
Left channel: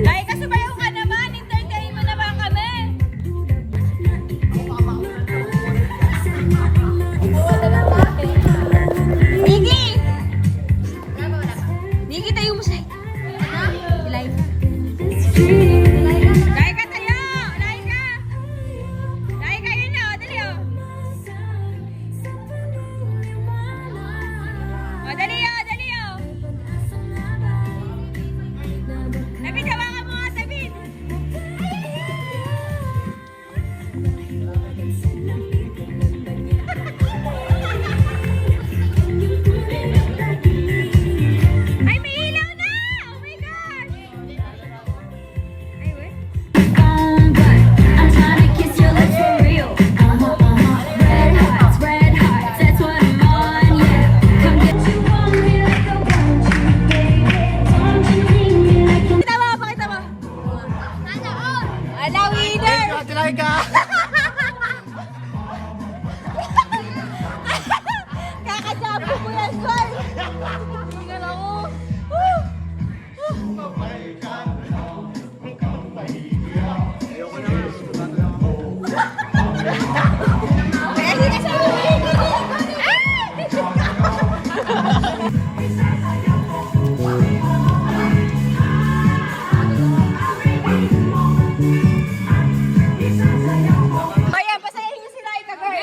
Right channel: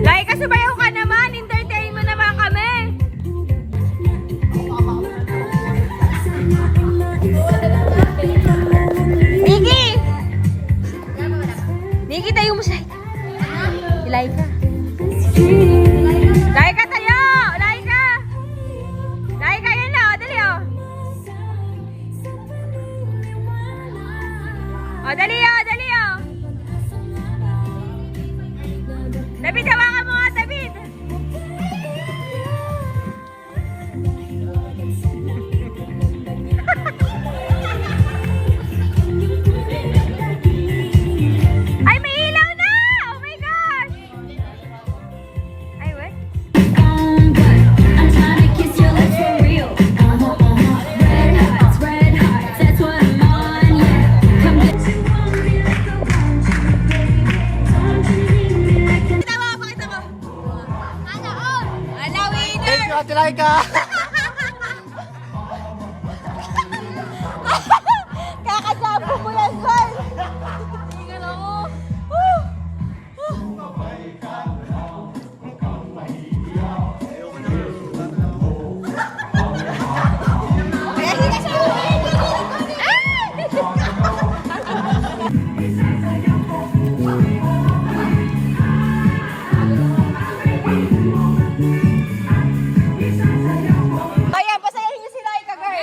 Like, kasubayaw ka naman! Entertain mo naman kami! Nikki, tayo mo siya! Laika! Laika tayo! Laika, yun na! Dali, oh! Dali, oh! David, hawakan mo nga, David! Ay, may ilaw na! Oh my gosh! Ay, wait. I'm trying to kiss your lips for real. Red hearts, that's what I'm on, yeah. Come get you on me like I want you, baby. Pakita mo! Ala, winner! Ate Laika! Kakasama mo yan, Sal! Tingnan ako! Kaya sinasabi mo yun! Bayan, pasayahin niyo sila ito, girl!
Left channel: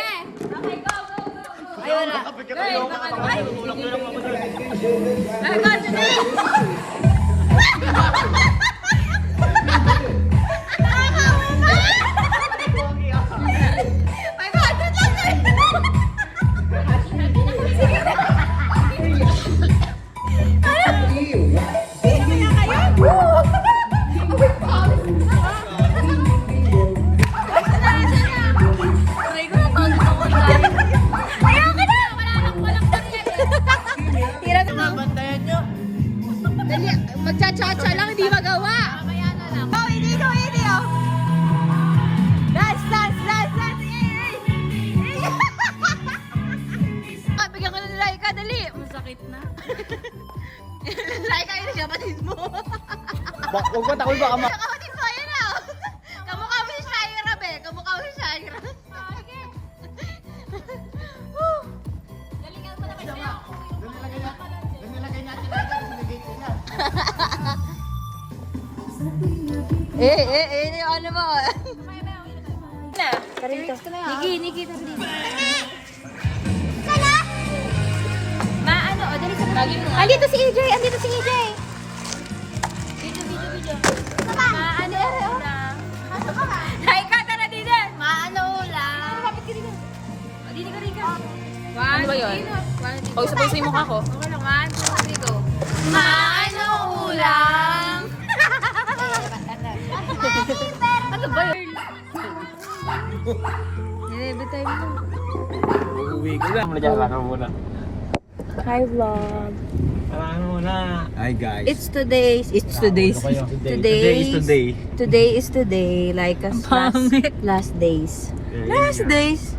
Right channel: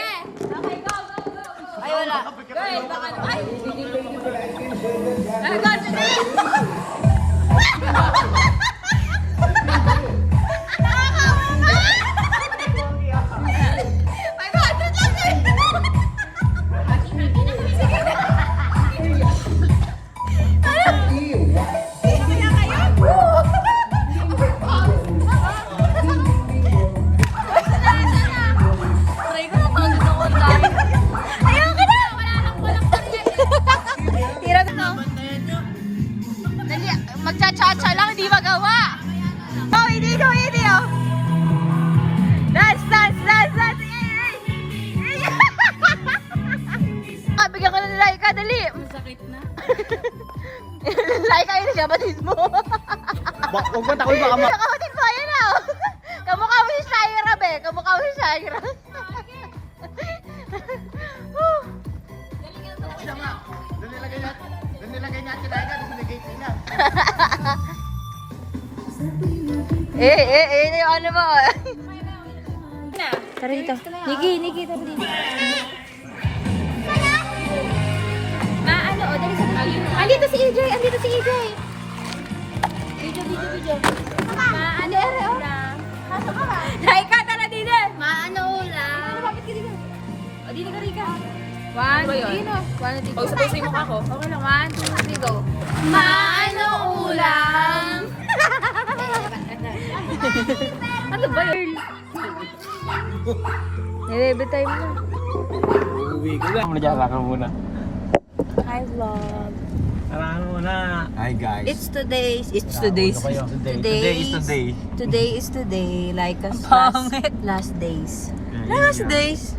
Okay, go! Ayun na! Girl, baka naman! Ay, go, sige! Nakakawa na! 500 lang, girl! Sige na! Sino kaya kayo? Abay, pawis! Asa na? Aray ko, pawis ako dyan. Ayaw ka na! Walang karya eh. Hirap na. Bantayan nyo. ka na Laika, dali! Masakit na. Laika, yun siya, batid mo. Huwag ka takot baka Kapatid mo, ayun na. Kamukha mo si Shaira, be. Kamukha mo si Shaira. Doon nilagay niya sila ka, doon nilagay sila. Yung ano mo. Niki, tara dito. Maano, o, dali sa video. Andito si EJ. Video. Maano ulam. Laika, tara dito. Maano ulam. Lapit ka dito. O, dito ka Rika. 1, 2, 3, go. 1, 2, 3, go. Sabay-sabay mo ako. Okay lang, 1, 2, 3, go. Maano ulam? Ano ba yun? Nilebe time na. Uuwi ko lang. Ano muna? Hi vlog. Ano muna? Hi guys. It's today. Today is today. Like us last days. Last days.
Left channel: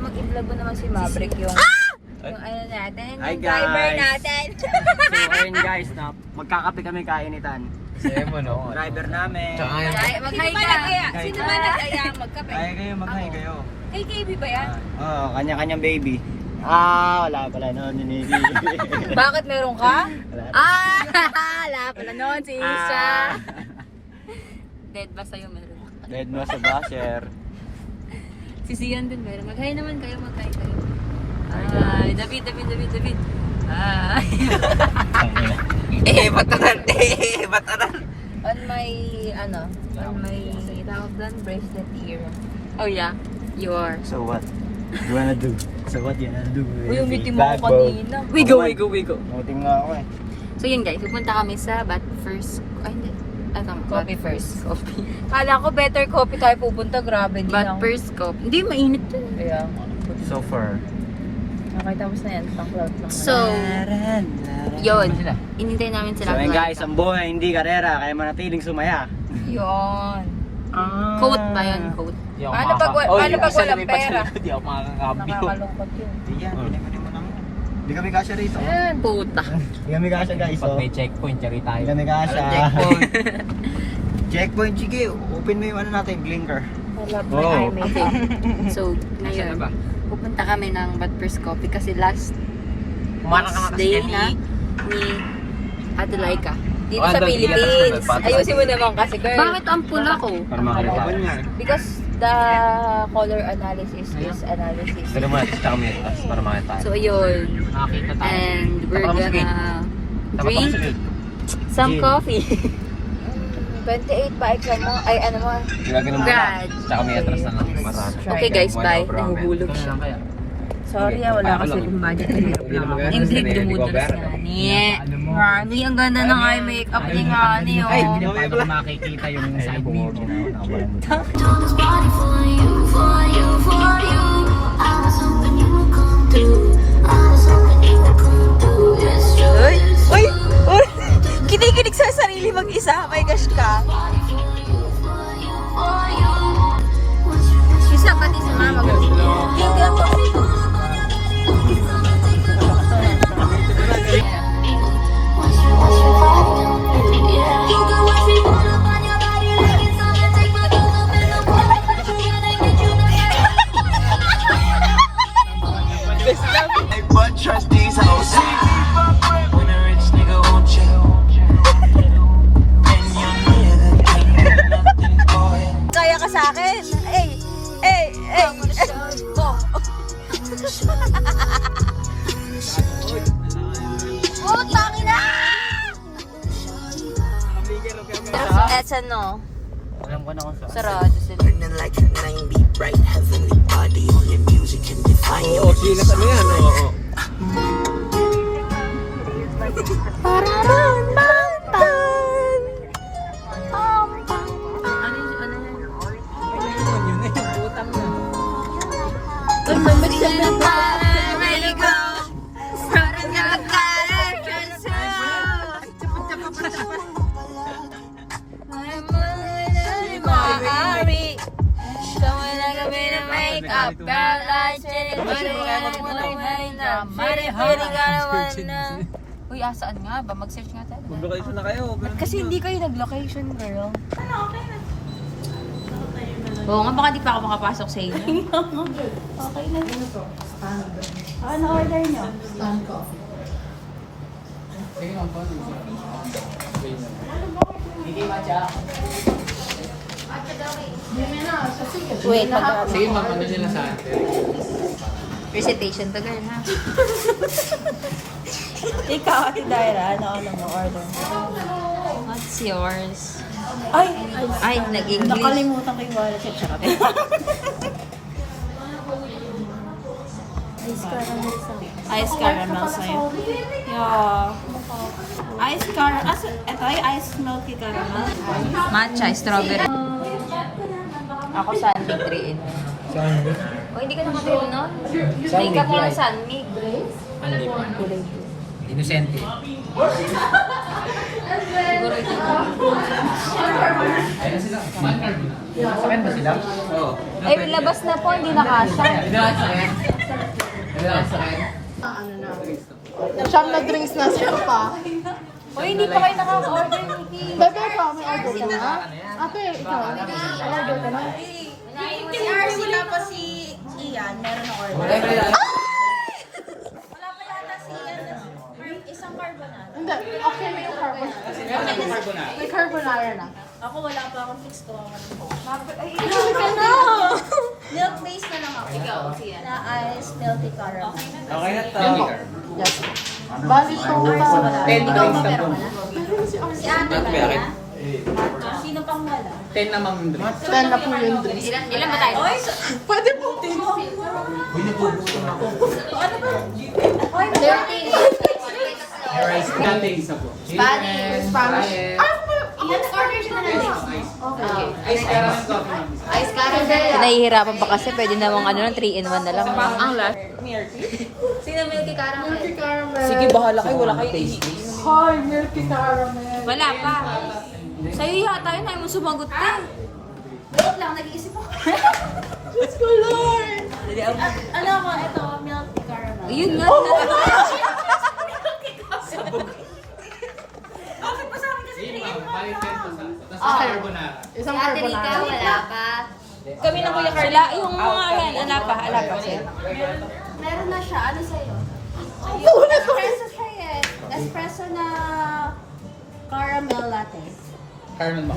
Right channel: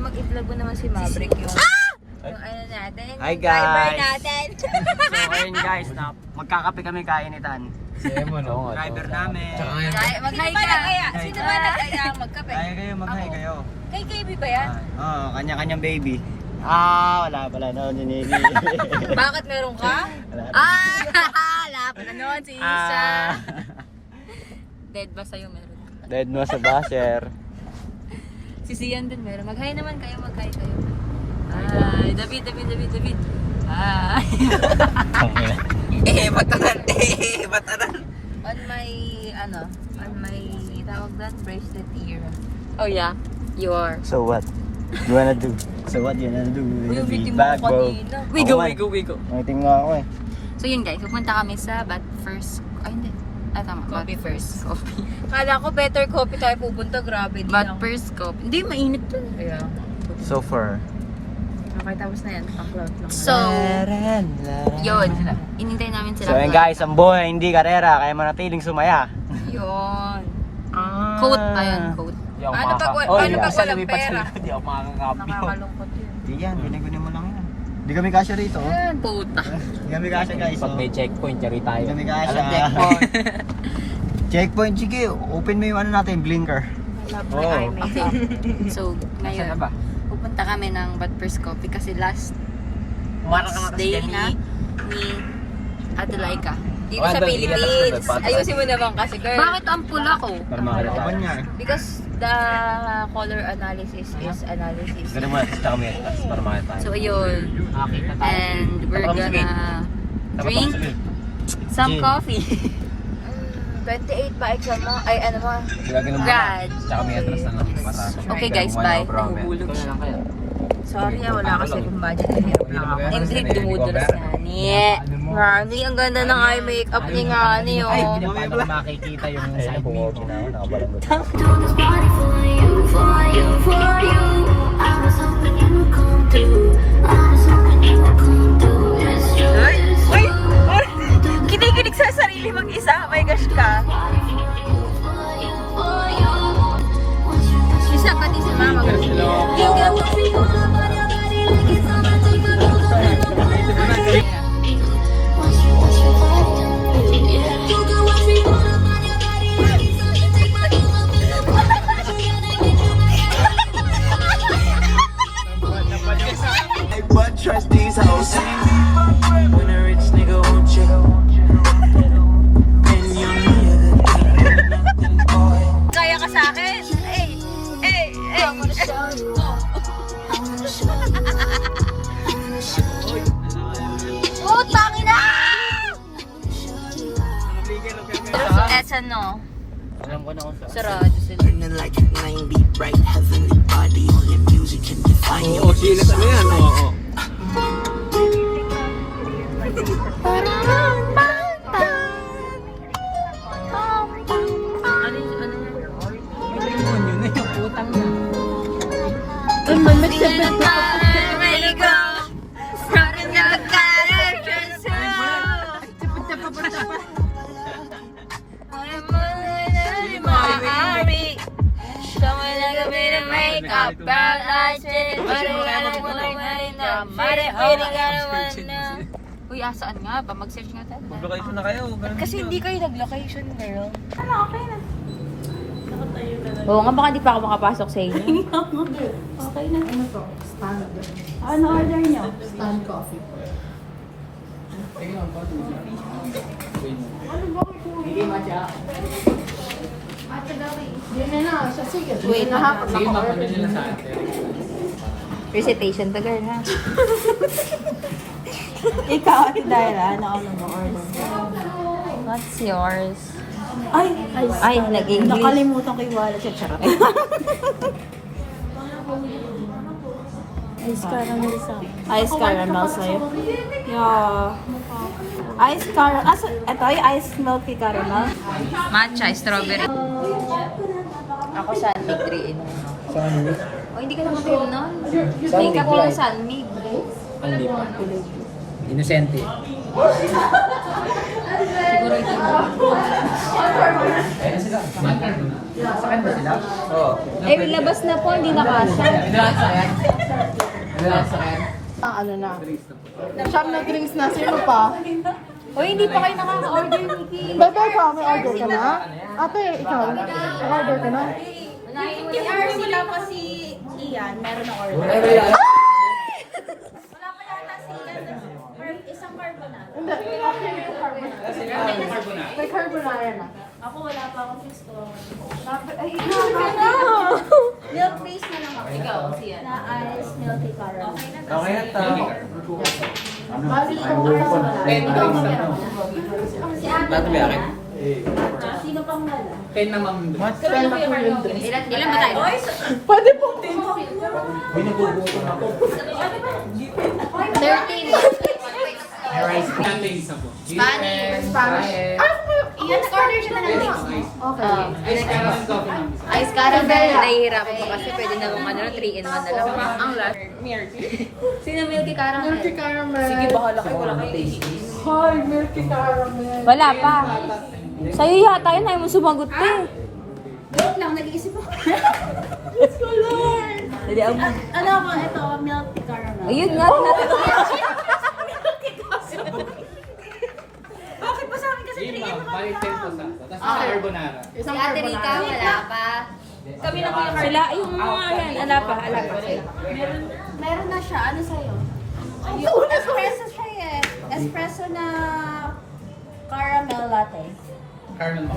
Mag-i-vlog mo naman si Maverick yung ano natin. Hi, yung driver guys. natin. So ayun guys, magkakape kami kainitan. Driver namin. Mag-hi ka. Sino ba nag-kaya magkape? Ay kayo, mag-hi kayo. Kay KB ba yan? Oo, kanya-kanyang baby. Wala pala no, ninili. Bakit meron ka? Wala pala noon si Isa. Dead ba sa'yo meron? Dead mo sa basher. Si Sian din meron. Mag-hi naman kayo, mag-hi kayo. Ay, David. Hi. Bataran. On my tawag doon, bracelet ear. Oh yeah, you are. So what? You wanna do? So what you wanna do? Yung meeting mo Bag kanina. We go. Meeting nga ako eh. So yun guys, pupunta kami sa Bat First... Ay hindi. Tama. Coffee Bat First Coffee. Kala ko better coffee tayo pupunta. Grabe din Bat First Coffee. Hindi, mainit to. Kaya So far. okay, tapos na yan. Pang cloud lang. So, yun. Inintay namin So sila. yun guys, ang buhay hindi karera, kaya manatiling sumaya. Yun. Quote ba yun? Quote. Paano pag walang pera? Hindi ako makakapyo. Nakakalungkot yun. Hindi yan, ginagawa mo naman. Hindi kami kasya rito. Puta. Hindi kami kasya guys. Pag may checkpoint, chari tayo. Hindi kami kasya. Checkpoint, sige. Open mo yung ano natin, blinker. I love my iMessage. So, ngayon, pupunta kami ng Bat First Coffee kasi last day na ni Ate Laika. Dito sa Philippines. Ayusin mo naman kasi, girl. Bakit ang pula ko? Iba niya. Because the color analysis is analysis. Kaya mo natin sa kameras para makita. So, ayun. Makakita tayo. And we're gonna drink some coffee. 28 ba exam mo? Ay, ano mo? Grad. Tsaka may atras na lang. Masabi. Okay guys, bye. Nahubulog siya. Sorry, wala kasi kung budget. Hirap lang ako. Imblick dumudulas na ni. Mami, ang ganda ng eye makeup ni Ngani, oh. Hindi mo paano makikita yung side view. This party for you. I was hoping you would come through. It's true. Uy! Kinikinig sa sarili mag-isa. My gosh ka. Isa ka din sa mga kaya ka sa akin. Oh, tangin na! Eto no. Alam ko na kung saan. Sarado sila. Oo, sila ano yan. Oo. Kapag asin, Uy, asaan nga ba? Mag-search nga tayo. Location na kayo. Kasi hindi kayo nag-location, girl. Oo nga, baka di pa ako makapasok sa inyo. Okay na. Ano order niyo? Wait, Sige, mag-order nila sa atin. recitation to, girl, ha? Ikaw, Ate Daira, ano mo order? What's yours? Ay, nag-English. nakalimutan ko yung wallet siya. Charot. Ice caramel sa'yo. Yeah. Ice caramel. Ito yung ice milky caramel. Matcha, strawberry. Ako Sunmig 3 in. Saan? O, hindi ka naman kayo nun. Makeup mo ng Sunmig. Hindi pa. Inosente. Siguro ito. Sa akin ba sila? Oo. Eh, labas na po, hindi na kasha. Binalas sa akin? Binalas sa akin? Ano na? Siyam na drinks na, sino pa? O, hindi pa kayo nakaka-order, Nikki. Bebe ko, may order ka na? Ate, ikaw. Order ka na? Si RC tapos si Ian, meron na order. Wala pa yata si Ian. Isang carbonara. Hindi, okay na yung carbonara. May carbonara na. Ako wala pa akong fix to. Ay, Ikaw ka na! Milk base na lang ako. Ikaw, na ice milky caramel. Okay na talaga. Bali itong 10 drinks na po. Si Ate Maria. Sino pang wala? 10 na ma'am. 10 na po yung drinks. Ilan ba tayo? Pwede po 10. Rice cuttings na po. Spanish. Spanish. Ian, order siya na ng drinks. Okay. Ice caramel coffee ma'am. Ice caramel. Nahihirapan pa kasi pwede namang ano, 3 in 1 na lang. Sino milky caramel? Sige, bahala kayo. Wala kayo. Hi, milky caramel. Wala pa. Sa'yo yata yun, ayaw mo sumagot pa. Wait lang, nag-iisip ako. Let's go, Lord! Hindi, Ano ba ito? Milky caramel. ayun nga, Bakit pa sa akin kasi Sige ma'am, balik 10 po sa. Tapos carbonara. Isang Si Ate Rika, carbonara. wala pa. Kami na Kuya Carl. sila, yung mga yan, ala pa sa'yo. Meron na siya. Ano sa'yo? Espresso siya eh. Espresso na caramel latte. Caramel.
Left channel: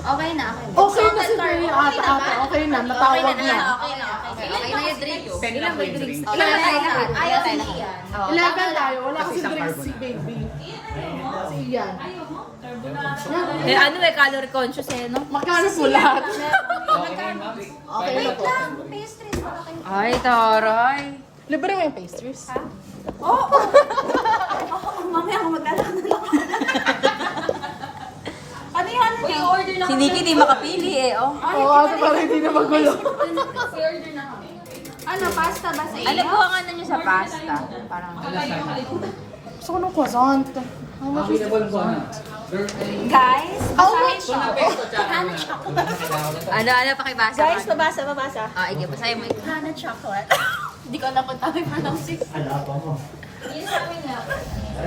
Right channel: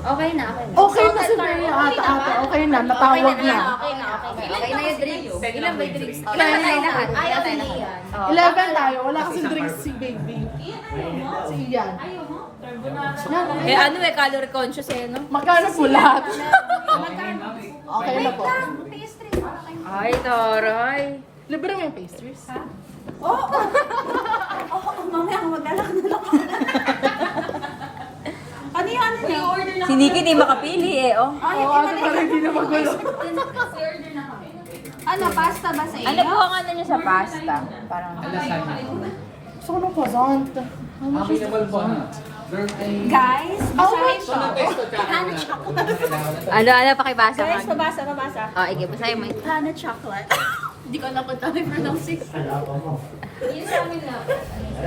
Okay na, okay na. Okay na si Maria. Ate, okay na. Napakawag na. Okay na yung drinks. Ilan ba yung drinks? Ilan na tayo lahat? Ayaw tayo lahat. 11 tayo. Wala kasi drinks si Baby. Si Ian. Eh ano calorie conscious eh, no? Magkano po lahat? Magkano? Okay na po. Pastries pa na kayo. Ay, taray. Libre mo yung pastries? Oo, mamaya ako mag-alak na lang. Ano yung ano niya? Order lang. Si Nikki di makapili eh, oh. Oo, ate parang hindi na magulo. order na kami. Ano, pasta ba sa Ano iyo? po ang ano niya sa pasta? Parang... Gusto ko ng croissant. How much is the croissant? Guys, basahin to. Hana chocolate. Ano, pakibasa Guys, ka. babasa. Oh, ige, basahin mo. Hana chocolate. Hindi ko alam kung tama yung pronouncing.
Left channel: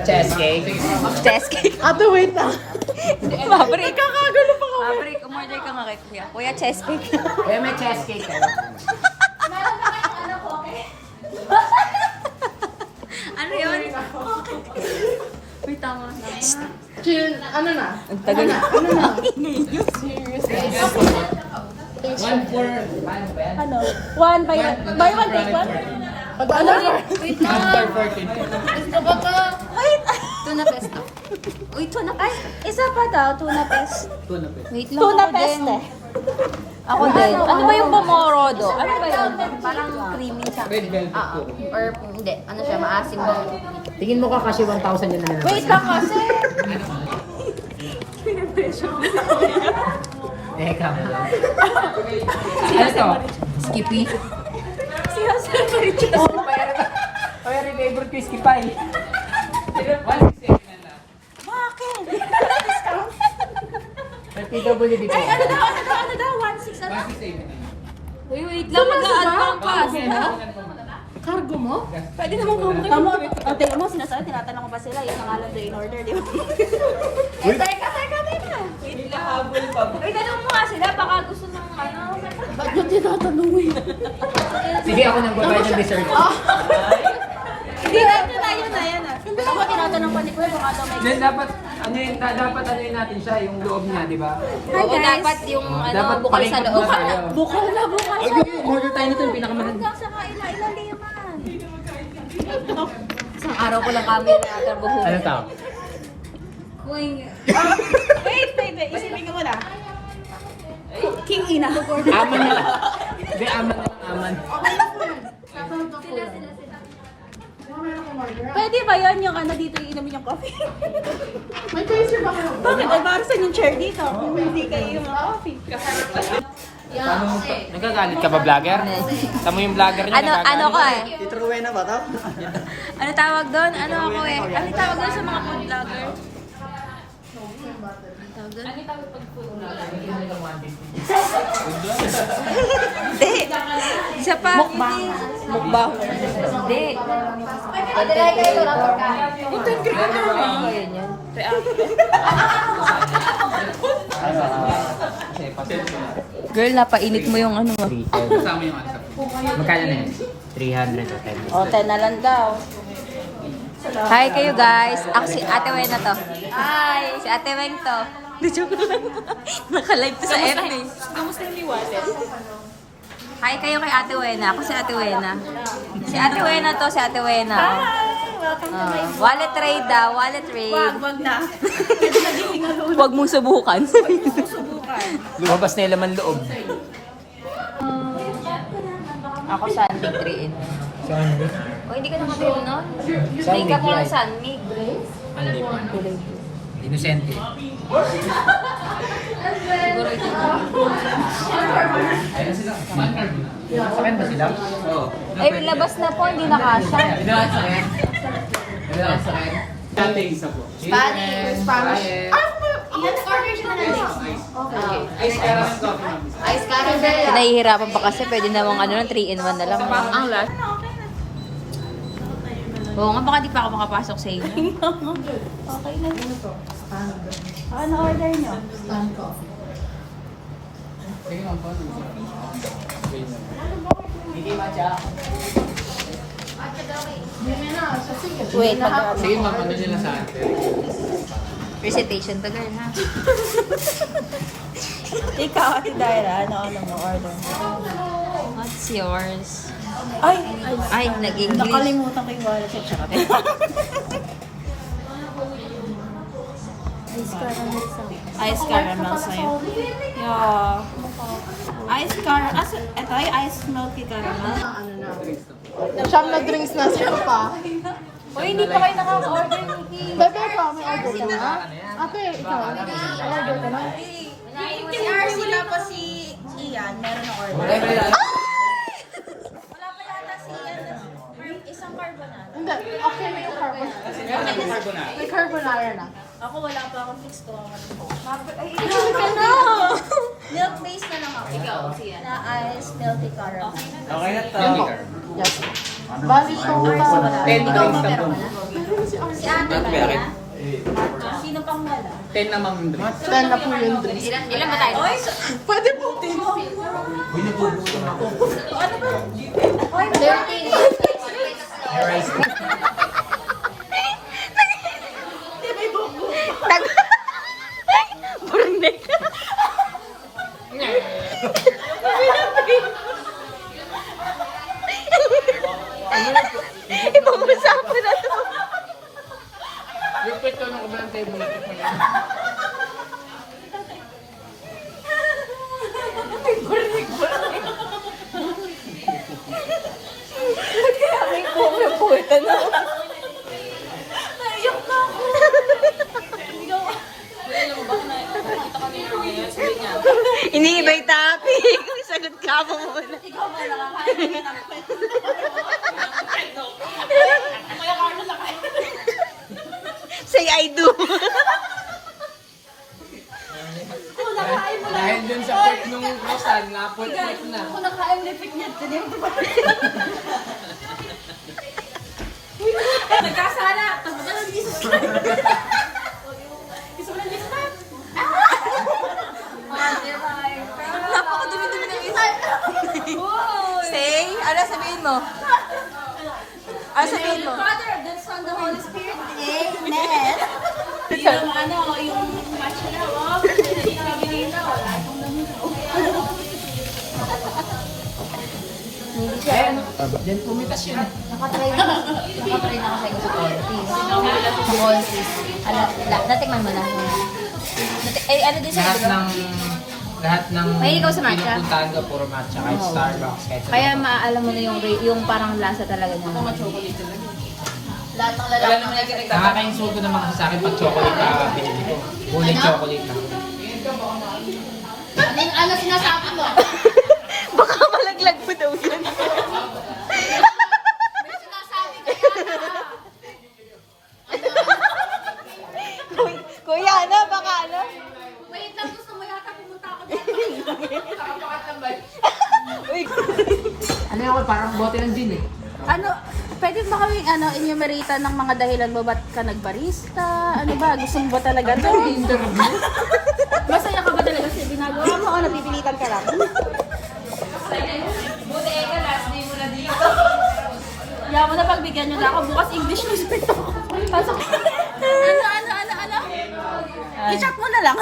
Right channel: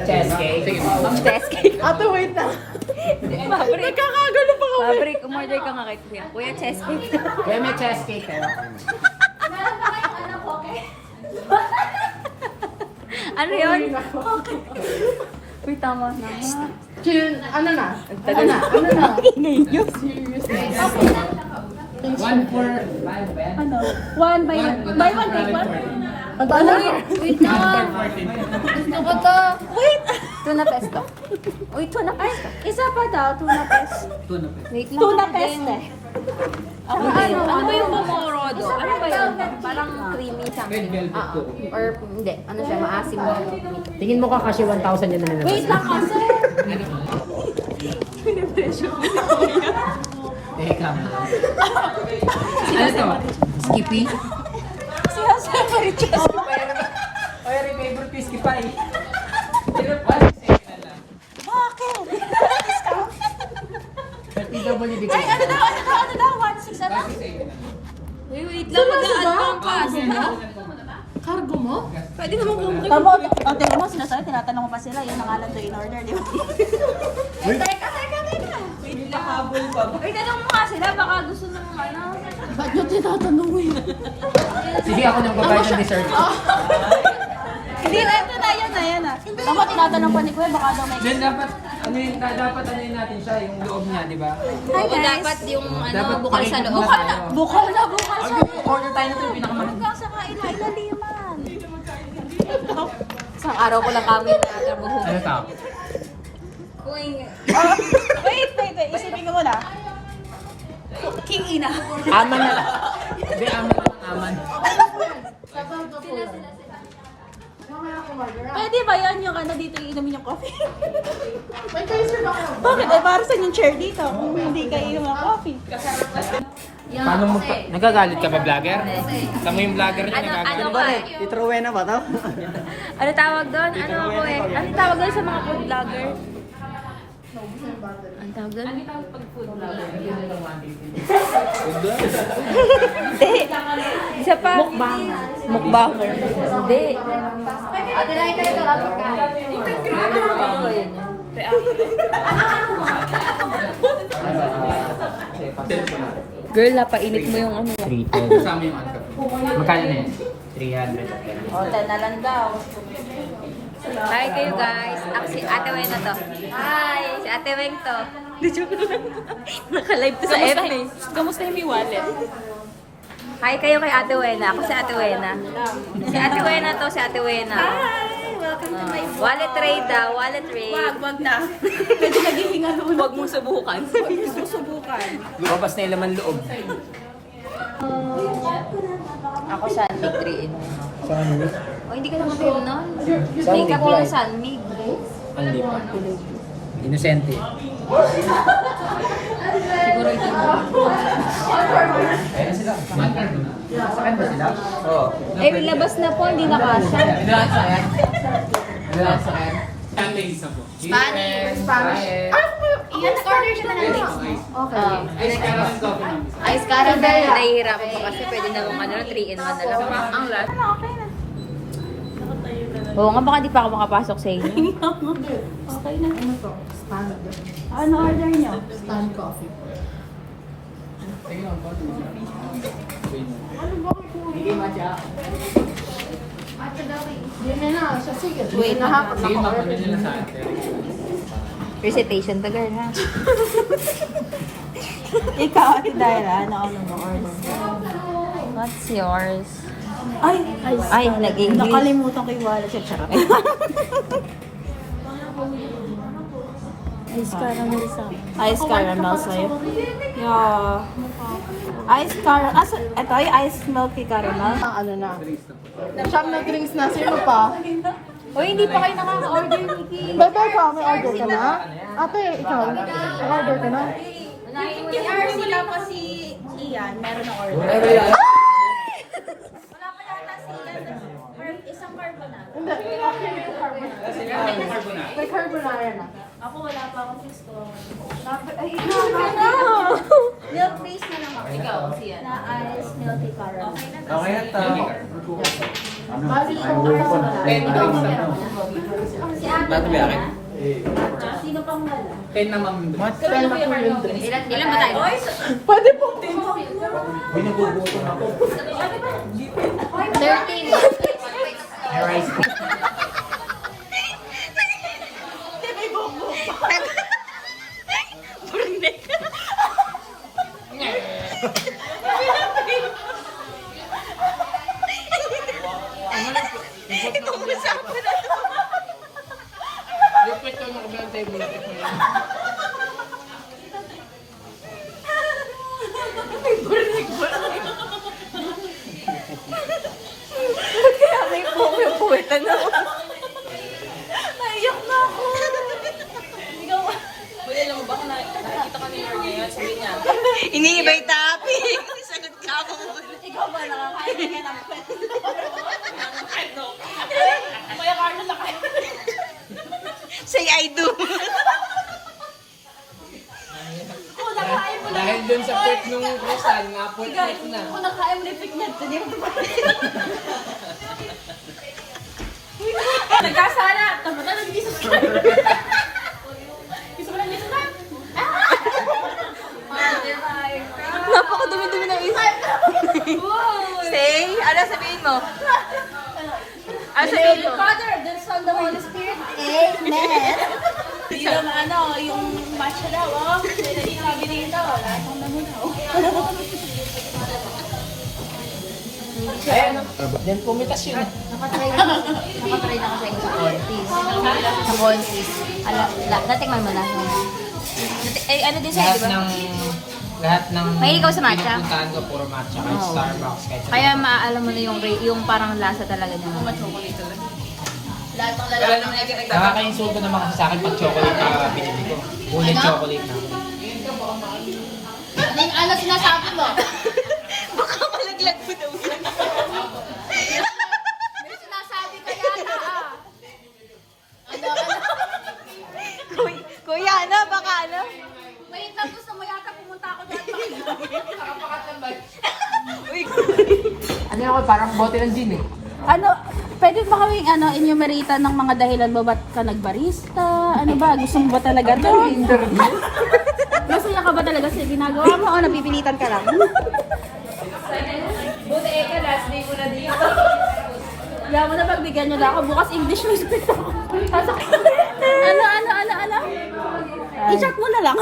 Cheesecake. Cheesecake. Ate, wait na. Mabrik. Nagkakagulo pa kami. Mabrik, umorder ka nga kay Kuya. Kuya, cheesecake. Kuya, may cheesecake kayo. Meron ba kayong ano po, okay? Ano yun? Uy, tama na. Chill, ano na? Ang tagal na. One for... Ano? One by one. Buy one, take one? Ano? Wait lang. 14. Gusto ko to. Wait. Tuna pesto. Uy, tuna pesto. Isa pa daw, tuna pesto. Tuna. Wait lang Tuna ako din. pesto. Ako din. Ano ba yung pomorodo? Ano ba yun? Parang creamy Red something. velvet po. Or hindi. Ano siya? Maasim na. Tingin mo ka kasi 1,000 yun naman. Wait lang kasi. Eka. Si Jose Skippy. Si Jose Marichas. Oy, favorite ko Skippy. May PWD po. Ano daw? 1,600? Wait lang, mag-aan pa ang pasta. Cargo mo? Pwede naman kung Tama, o tingnan mo, sinasabi, tinatanong ko pa sila, yun ang alam to in order, di ba? Teka. Wait lang. Wait, tanong mo nga sila, baka gusto ng ano. Ba't nyo tinatanungin? Sige, ako nang babayad ng dessert. Hindi na, ito na, yan na. Ako, tinatanong pa ni Kuya, baka na may... Then dapat ano natin siya, yung loob niya, di ba? Hi guys. Dapat yung ano, Dapat bukal sa palitan loob. mo tayo. Bukal na, bukal. Order tayo na ito, yung pinakamahal. Ilagay naman. Isang araw ko lang kami na atar buhok. Ano tao? Wait, isipin ko muna. King Ina. Aman na lang. Hindi, aman. Pwede ba yan yung ano dito, iinumin yung coffee? May tracer ba kayo? Bakit ay para sa yung chair dito kung hindi kayo yung coffee? Paano mo pa? Nagagalit ka ba, vlogger? Tama yung vlogger niya, Ano ko eh. Tito Rowena ba to? Ano tawag doon? Ano ako eh? Ano tawag doon sa mga food vlogger? Hindi. Isa pa. Mukbang. Hindi. Ano ba yun yun? Girl, napainit mo yung ano. 310. Kasama yung ano. Magkano na yan? 300 at 10. O, 10 na lang daw. Hi kayo guys. Ako si Ate Wena to. Hi! Si Ate Weng to. Di joke lang. Naka-live to sa FB. Kamusta yung iwasin? Hi kayo kay Ate Wena. Ako si Ate Wena. Si Ate Wena to, si Ate Wena. Hi! Welcome to my vlog. Wallet trade daw, wallet trade. Wag na. Pwede naghihinga luna. Huwag mong subukan. Susubukan. Labas na yung laman loob. Ako Sunmig 3 in 1. Saan mo? Oh, hindi ka naman kayo nun. Makeup lang Sunmig. Ang lupa. Inosente. Siguro ito. Saan ba sila? Oo. Eh, labas na po, hindi na kasha. Dating isa po. Spanish. Iyan, order siya na lang. Ice caramel coffee ma'am. Ice caramel. Nahihirapan pa kasi pwede namang ano lang, 3 in 1 na lang. Ang last. Oo nga, baka di pa ako makapasok sa inyo. Okay na. Ano order nyo? Wait, Sige ma'am, ano nila sa atin? recitation to girl ha. Ikaw, Ate Daira, ano mo order? What's yours? Ay, nag-English. nakalimutan ko yung wallet sa charot. Ice caramel sa'yo. Yeah. Ice caramel. Ito ay ice milky caramel. Ano na? Siyam na drinks na, sino pa? Uy, hindi pa kayo nakaka-order, Nikki. Bebe ko, may order ka na? Ate, ikaw, order ka na? Si RC tapos si Ian, meron na order. Wala pa yata si Ian. Isang carbonara. Hindi, okay na yung carbonara. May carbonara na. Ako wala pa akong fix ko. Ay, no! Milk base na lang ako. Ikaw, na ice milky caramel. Okay na ito. Bali total. 10 drinks na po. Si Ate Maria. Sino pang wala? 10 na ma'am drinks. 10 na po yung drinks. Ilan ba tayo? Pwede pong tino. Hindi nagugutom ako. Rice. Ibang usapan na to. Yung pwesto nung ba ang table natin po yan? May puweta na. Ayok na ako. Hindi iba yung topic. Sagot ka mo muna. Ikaw ba nakakain ka ng pwede? Kuya Carlo nakain. Say I do. Kung nakain mo na. Dahil dun sa pwet nung Crystal na Apple na. Kung nakain repeat niya, ganyan pa. Nagkasala. Tapos na nag-isos ka. Gusto mo lang dito tayo? Napakadumi-dumi ng isa. Say, ano sabihin mo? Ano sabihin mo? Father, the Son, the Holy Spirit. Amen. Yung ano, yung matcha daw, oh. Yung wala akong namunaw. Then pumitas yun. Nakatry na ako sa conti. Sa conti. Natikman mo na. Ano din sa'yo, di ba? Lahat ng Mahilig ka sa matcha? pinupuntahan ko puro matcha. Kahit Oo. Starbucks, kahit Kaya maaalam mo na yung parang lasa talaga niya. wala nang nakakainsulto naman kasi sa akin pag chocolate na pinili ko. Ulit chocolate na. Ano sinasabi mo? Baka malaglag mo daw yan. May sinasabi ka yata. Kuya, ano? Baka ano? Wait lang, gusto mo yata pumunta ako dito. Ano yun? Parang bote ng gin eh. Ano, pwede ba kaming enumerate ng mga dahilan mo ba't ka nagbarista? Ano ba? Gusto mo ba talaga ito? Masaya ka ba talaga sa ginagawa mo? O napipilitan ka lang? Buti ka, last day mo na dito. Kaya mo na pagbigyan nyo na ako. Bukas English na speak ako. Ano? I-chat mo na lang.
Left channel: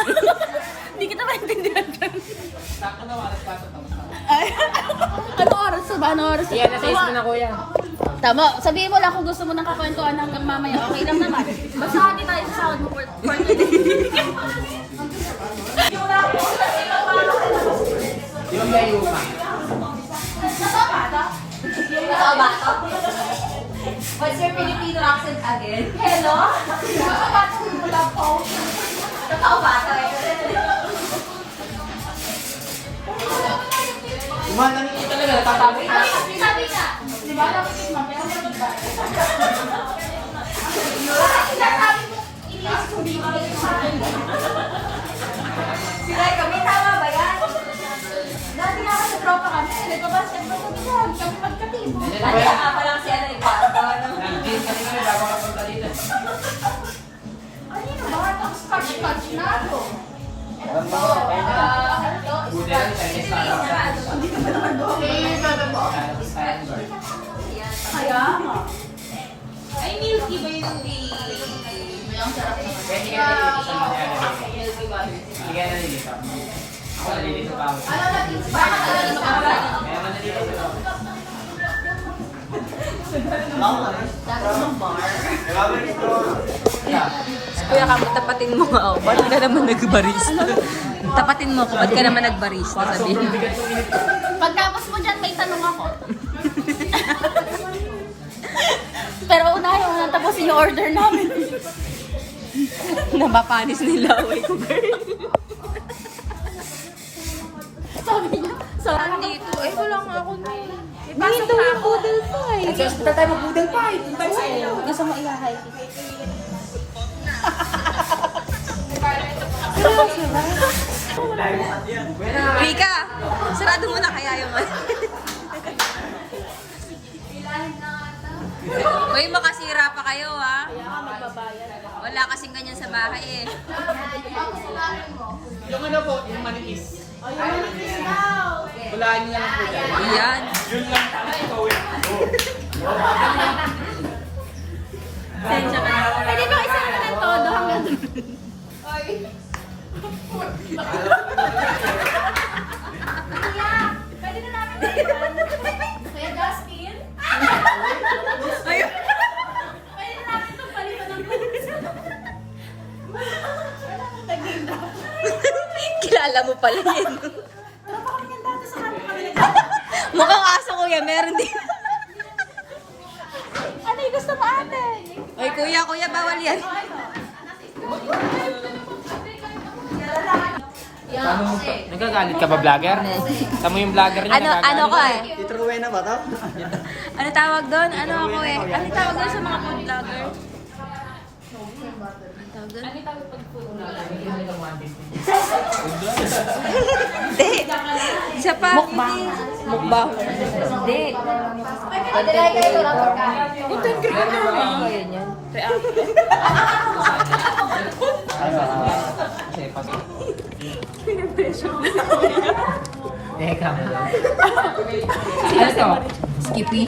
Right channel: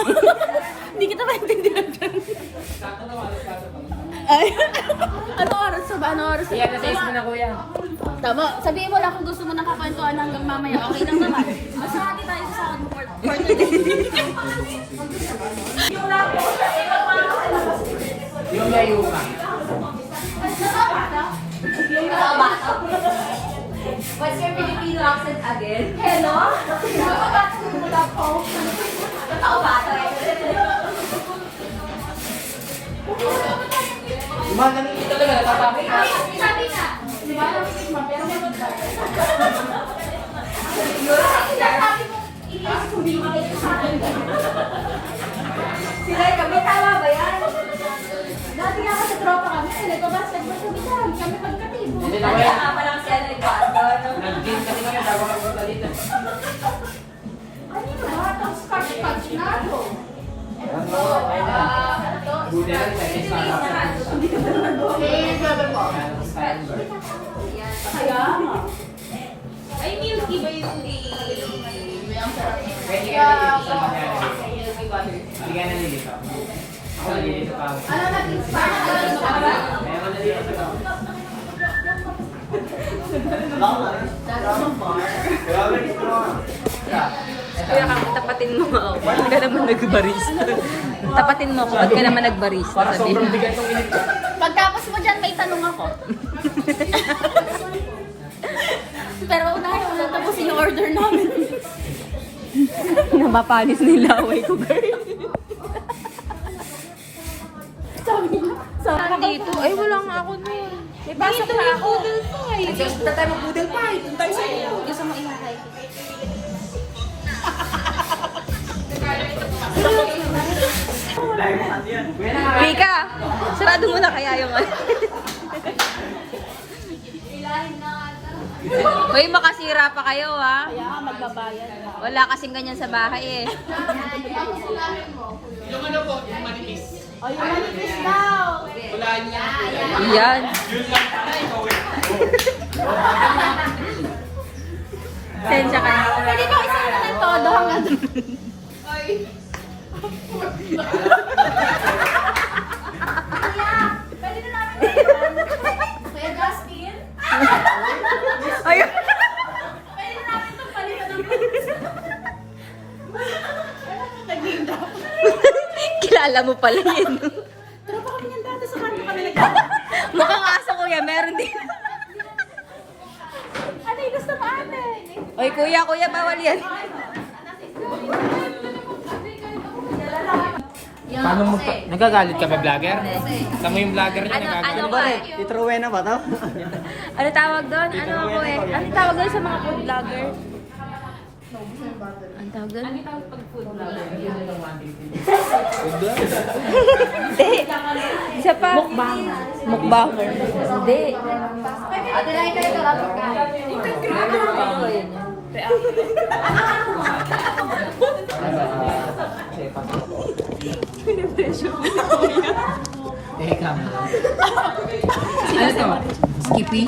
Hindi kita maintindihan ka. Ay, ano oras ba? Ano oras ba? Yan, nasa mo na kuya. Tama. Sabihin mo lang kung gusto mo nang kakwentuhan hanggang mamaya. Okay lang naman. Basta hati tayo sa sahod mo for today. Yung layo pa. What's your Filipino accent again? Hello? Nakaubato eh. Lumahan nito talaga, natatapos na. Sabi ka. Di ba? Nakikit mo. Pero may iba. Sila kami, tama ba yan? Dati nga kasi tropa kami. Nagpa-basketball kami dyan. Kami pagkatin. Hindi na kuya. Pa lang siya nagbago. Nag-gin kasi kami bago kapunta dito. Kanino ba? Itong scotch na ito. Buti lang siya. Ay, milky ba yung Pwede ka nalilito. Hindi ka nalilito. Ako nalilito pa ako. Kaya ako nalilito pa ako. Kuya ka, tapatin mo ako. Ba't ka naman nagbarista? Tapatin mo ako, ba't ka naman nagbarista? Sabihin mo. Pagtapos mo dyan, may tanong ako. Pero unahin mo lang tapusin yung order namin. Napapanis nila ako. Sabi niyo, Dito. Ay, wala nga ako. Pasok na ako. Kaya tayo mag-budal pa. Doon tayo sa inyo. Gusto mo ilahay. Rika, sarado mo na kaya yung ano. Hoy, makasira pa kayo ha. Wala kasing ganyan sa bahay eh. Yung ano po, yung manipis. Walain niya po yan. Yan. Sensya ka na. Pwede ba isang naman todo hanggang Kuya, pwede na namin palitan. Kuya Justin? Ayun. Pwede na namin itong palitan ng naging drop. Kilala mo pala yun. Pero pa kami yan dati sa kanto kami Mukhang aso kuya, meron din. Ano yung gusto mo ate? Oy kuya, bawal yan. Paano nagagalit ka ba, vlogger? Tama yung vlogger niya nagagalit. Ano ko eh? Tito Rowena ba to? Ano tawag doon? Ano ako eh? Ano tawag doon sa mga food vlogger? doon? Ano yung pag food vlog? Hindi. Isa pa. Mukbang. Hindi. Padala kayo para pagkain. Ano ba yun yun? Eka. Skippy?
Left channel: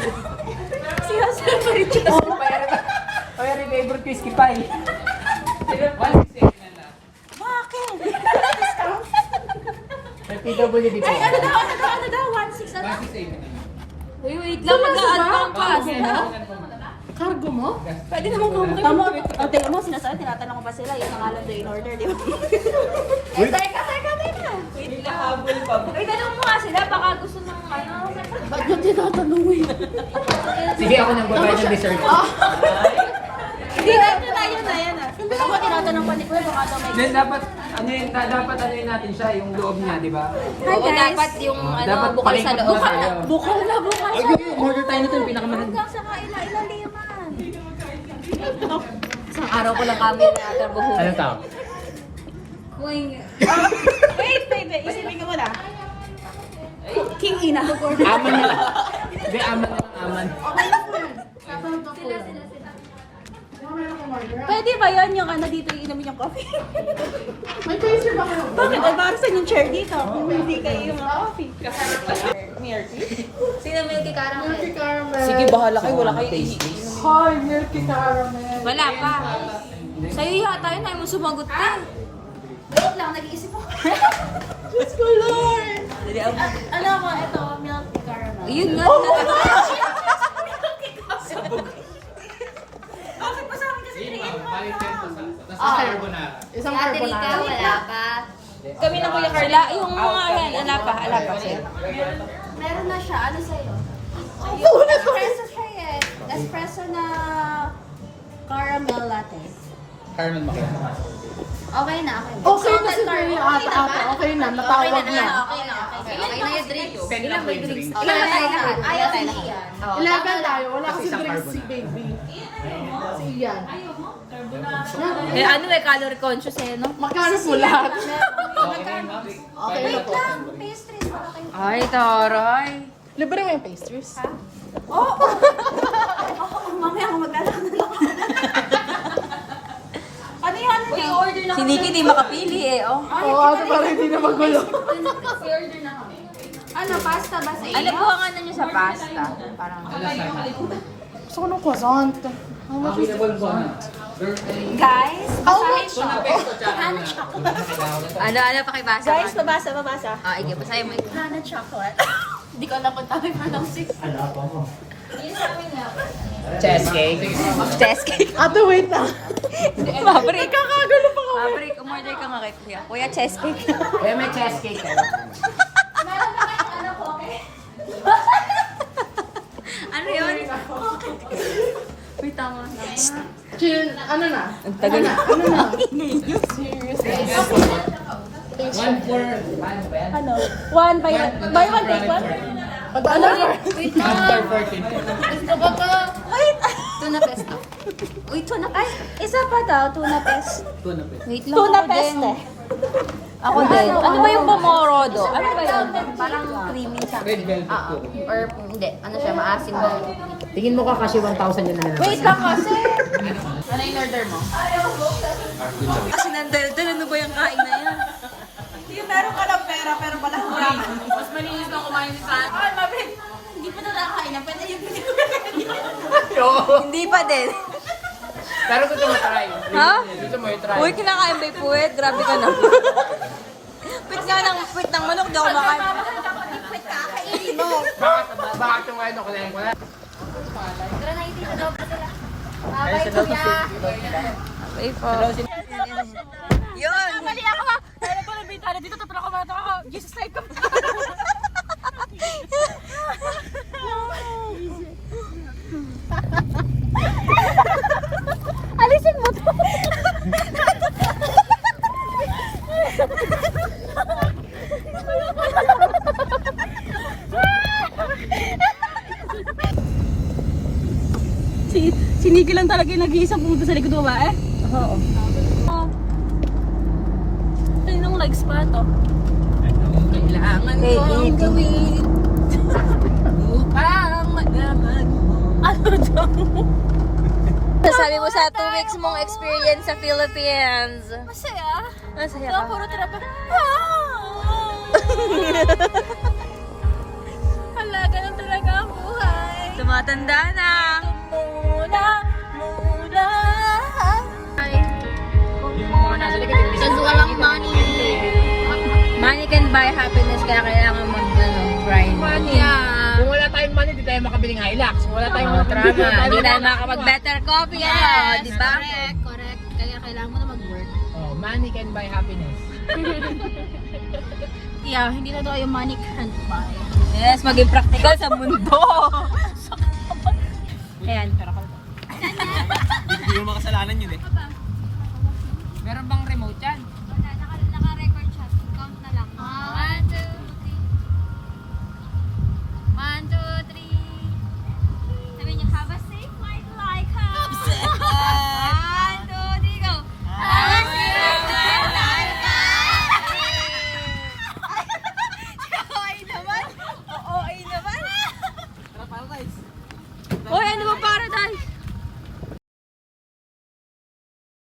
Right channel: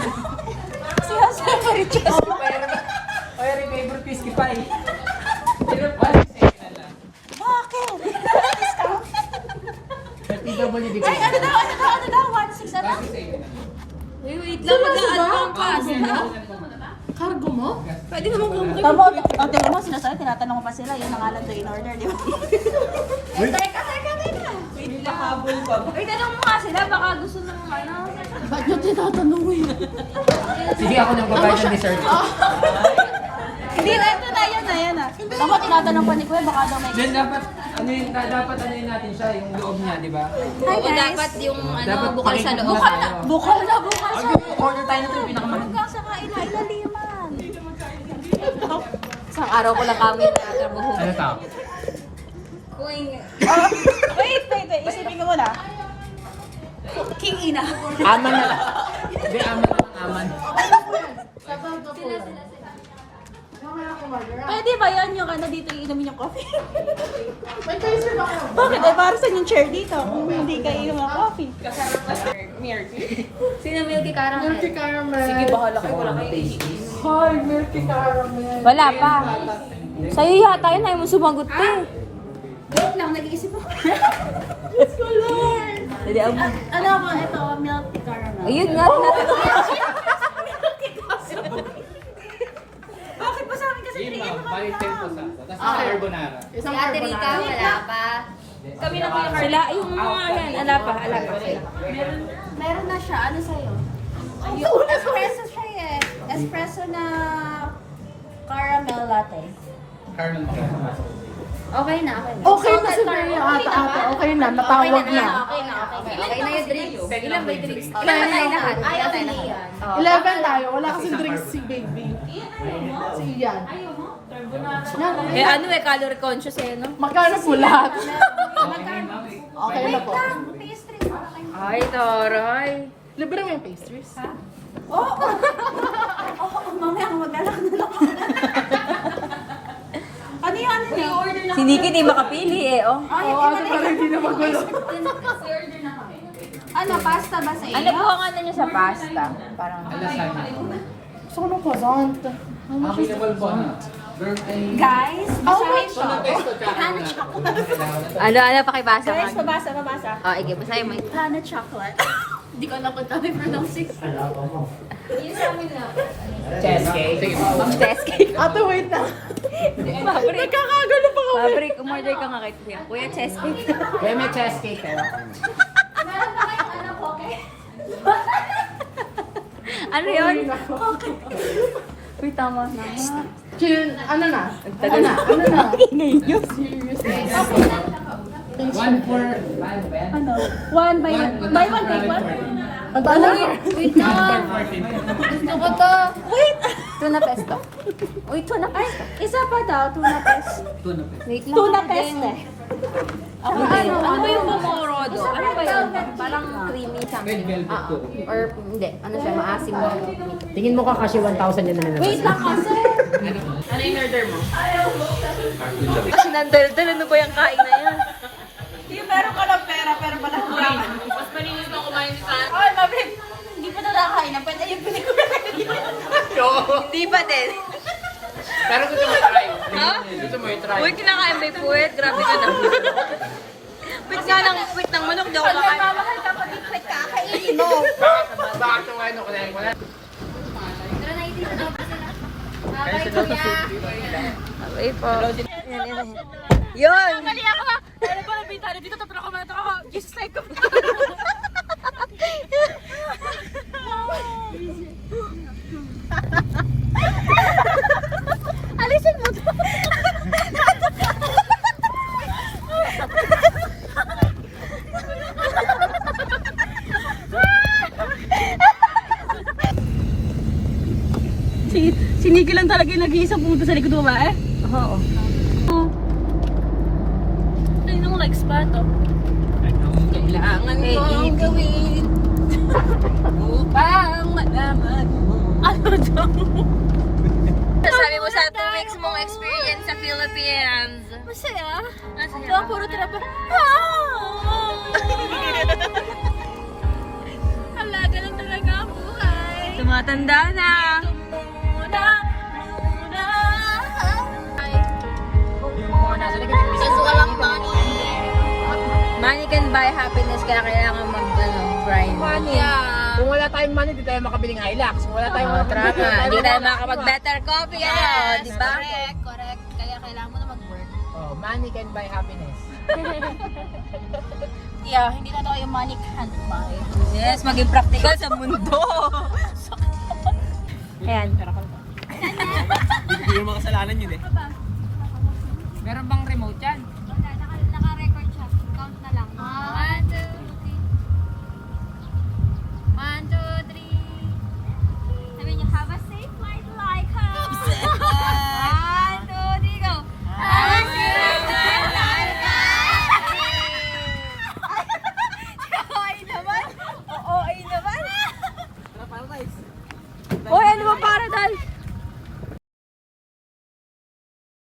Oy, rin favorite ko yung skipay. PWD ko. Ano daw? 1.6 ano? Uy, wait lang. Mag-aano ang pasta. Cargo mo? Pwede naman kumakain. Tama, o tingnan mo, sinasabi, tinatanong ko pa sila, yun ang alam to in order, di ba? Teka. Wait, tanong mo nga sila. Baka gusto ng ano. Ba't nyo tinatanungin? Sige, ako nang babayad ng dessert. Hindi na, ito na, yan na. Ako, tinatanong pa ni Kuya, baka na may... Then dapat ano yun natin siya, yung loob niya, di ba? Hi, guys. Dapat yung ano, Dapat bukal sa loob. Bukal na. Order tayo na ito yung pinakamahal. Isang araw ko lang kami na ito buhok. Ano tao? Wait. Isipin ko muna. King Ina. Aman na lang. Hindi, aman. Pwede ba yan yung ano dito, yung inamin yung coffee? May taster ba kayo? Bakit? Ay, para saan yung chair dito? Kung hindi kayo yung coffee. Sino Milky Caramel? Sige, bahala kayo. Wala kayo tasties. Wala pa. Sa'yo yata yun. Ayaw mo sumagot ka. Wait lang, nag-iisip ako. Hindi ako. Ano ka, ito, milk caramel. Ayun nga. Bakit pa sa akin kasi Si Ate Rica, wala pa. kami na Kuya Carl. Sila, yung mga yan. Ala pa. Meron na siya. Ano sa'yo? Espresso siya eh. Espresso na caramel latte. Okay na. Okay na si Kuya ate. Okay na. Okay na naman. Okay na yung drinks. Ilang may drinks? Ilan na tayo lahat? Ayaw na yan. 11 tayo. Wala kasi drinks si baby. Si Ian. Eh ano calorie conscious eh, no? Magkano po lahat? Okay. Wait lang. Pastries. Wala kayo. Ay, taray. Libre mo yung pastries? Ha? Oo. Mamaya ako mag-alak na lang. Ano yung ano niya? Si Nikki di makapili eh, oh. Oo, parang hindi na magulo. Ano, pasta ba sa iyo? Ano po ang ano nyo sa pasta? Parang... Gusto ko ng croissant. How much is the croissant? Guys, basahin to. Hana chocolate. Ano, pakibasa ka. Guys, babasa. Ah, ige, basahin mo. Hana chocolate. Hindi ko alam kung tama yung pronouncing. Cheesecake. Cheesecake. Ate, wait na. Mabrik. Nakakagulo pa kami. Mabrik, umorder ka nga kay Kuya. Kuya, cheesecake. Kuya, may cheesecake kayo. Ano yun? Uy, tama na. Chill, ano na? Ang tagal. Okay na yun. One for, ano ba yan? Ano? One by one. Buy one, take one? Ano yun? Wait na. Gusto ko to. Wait! Tuna pesto. Uy, tuna pesto. Isa pa daw, tuna pesto. Tuna pa. Wait lang. Tuna ako din. pesto. Ako din. Ano ba yung pomorodo? Ano ba yun? Parang creamy siya. Red velvet ko. Or hindi. Ano siya? Maasim ba? Tingin mo ka kasi 1,000 yun na Wait lang kasi. Ano yung order mo? Kasi nandal-dal. Ano ba yung kain na yan? Yung meron ka ng pera, pero pala hindi. Mas malinis lang kumain sa akin. Ay, mabig. Hindi pa nakakain na. Pwede yung pinikuha. Hindi pa din. Pero gusto mo try. Ha? Gusto mo i-try. Uy, kinakain ba yung puwet? Grabe ka na. Puwet nga ng puwet ng manok. Di ako makain. Mamahal ka pa din. Pwede kakainin mo. Bakit yung ano ko na yan? Tara na yung dito daw pa sila. Okay po. Yun! Mali ako. Ano ba nabita na dito? Tapos ako matok ako. Jesus like ko. Alisin mo to. Sinigil lang talaga yung nag-iisang puto sa likod mo ba eh? Oo. to? Anong kailangan mo gawin upang malaman mo? Ano to? Sabi mo sa 2 weeks mong experience sa Philippines. Masaya. Masaya Ito ang ba? puro trapa. Hala, ganun talaga ang buhay. Tumatanda na. Kasi walang money. Money can buy happiness, kaya kailangan grind. Kung wala tayong money, di tayo makabiling Hilux. Kung wala tayong Tama, hindi tayo makakapag-better coffee. Yes, di ba? Correct. Kaya kailangan mo na mag-work. money can buy happiness. Yeah, hindi na daw yung money can't buy. Yes, maging practical sa mundo. Ayan. Hindi mo makasalanan yun eh. Meron bang remote yan?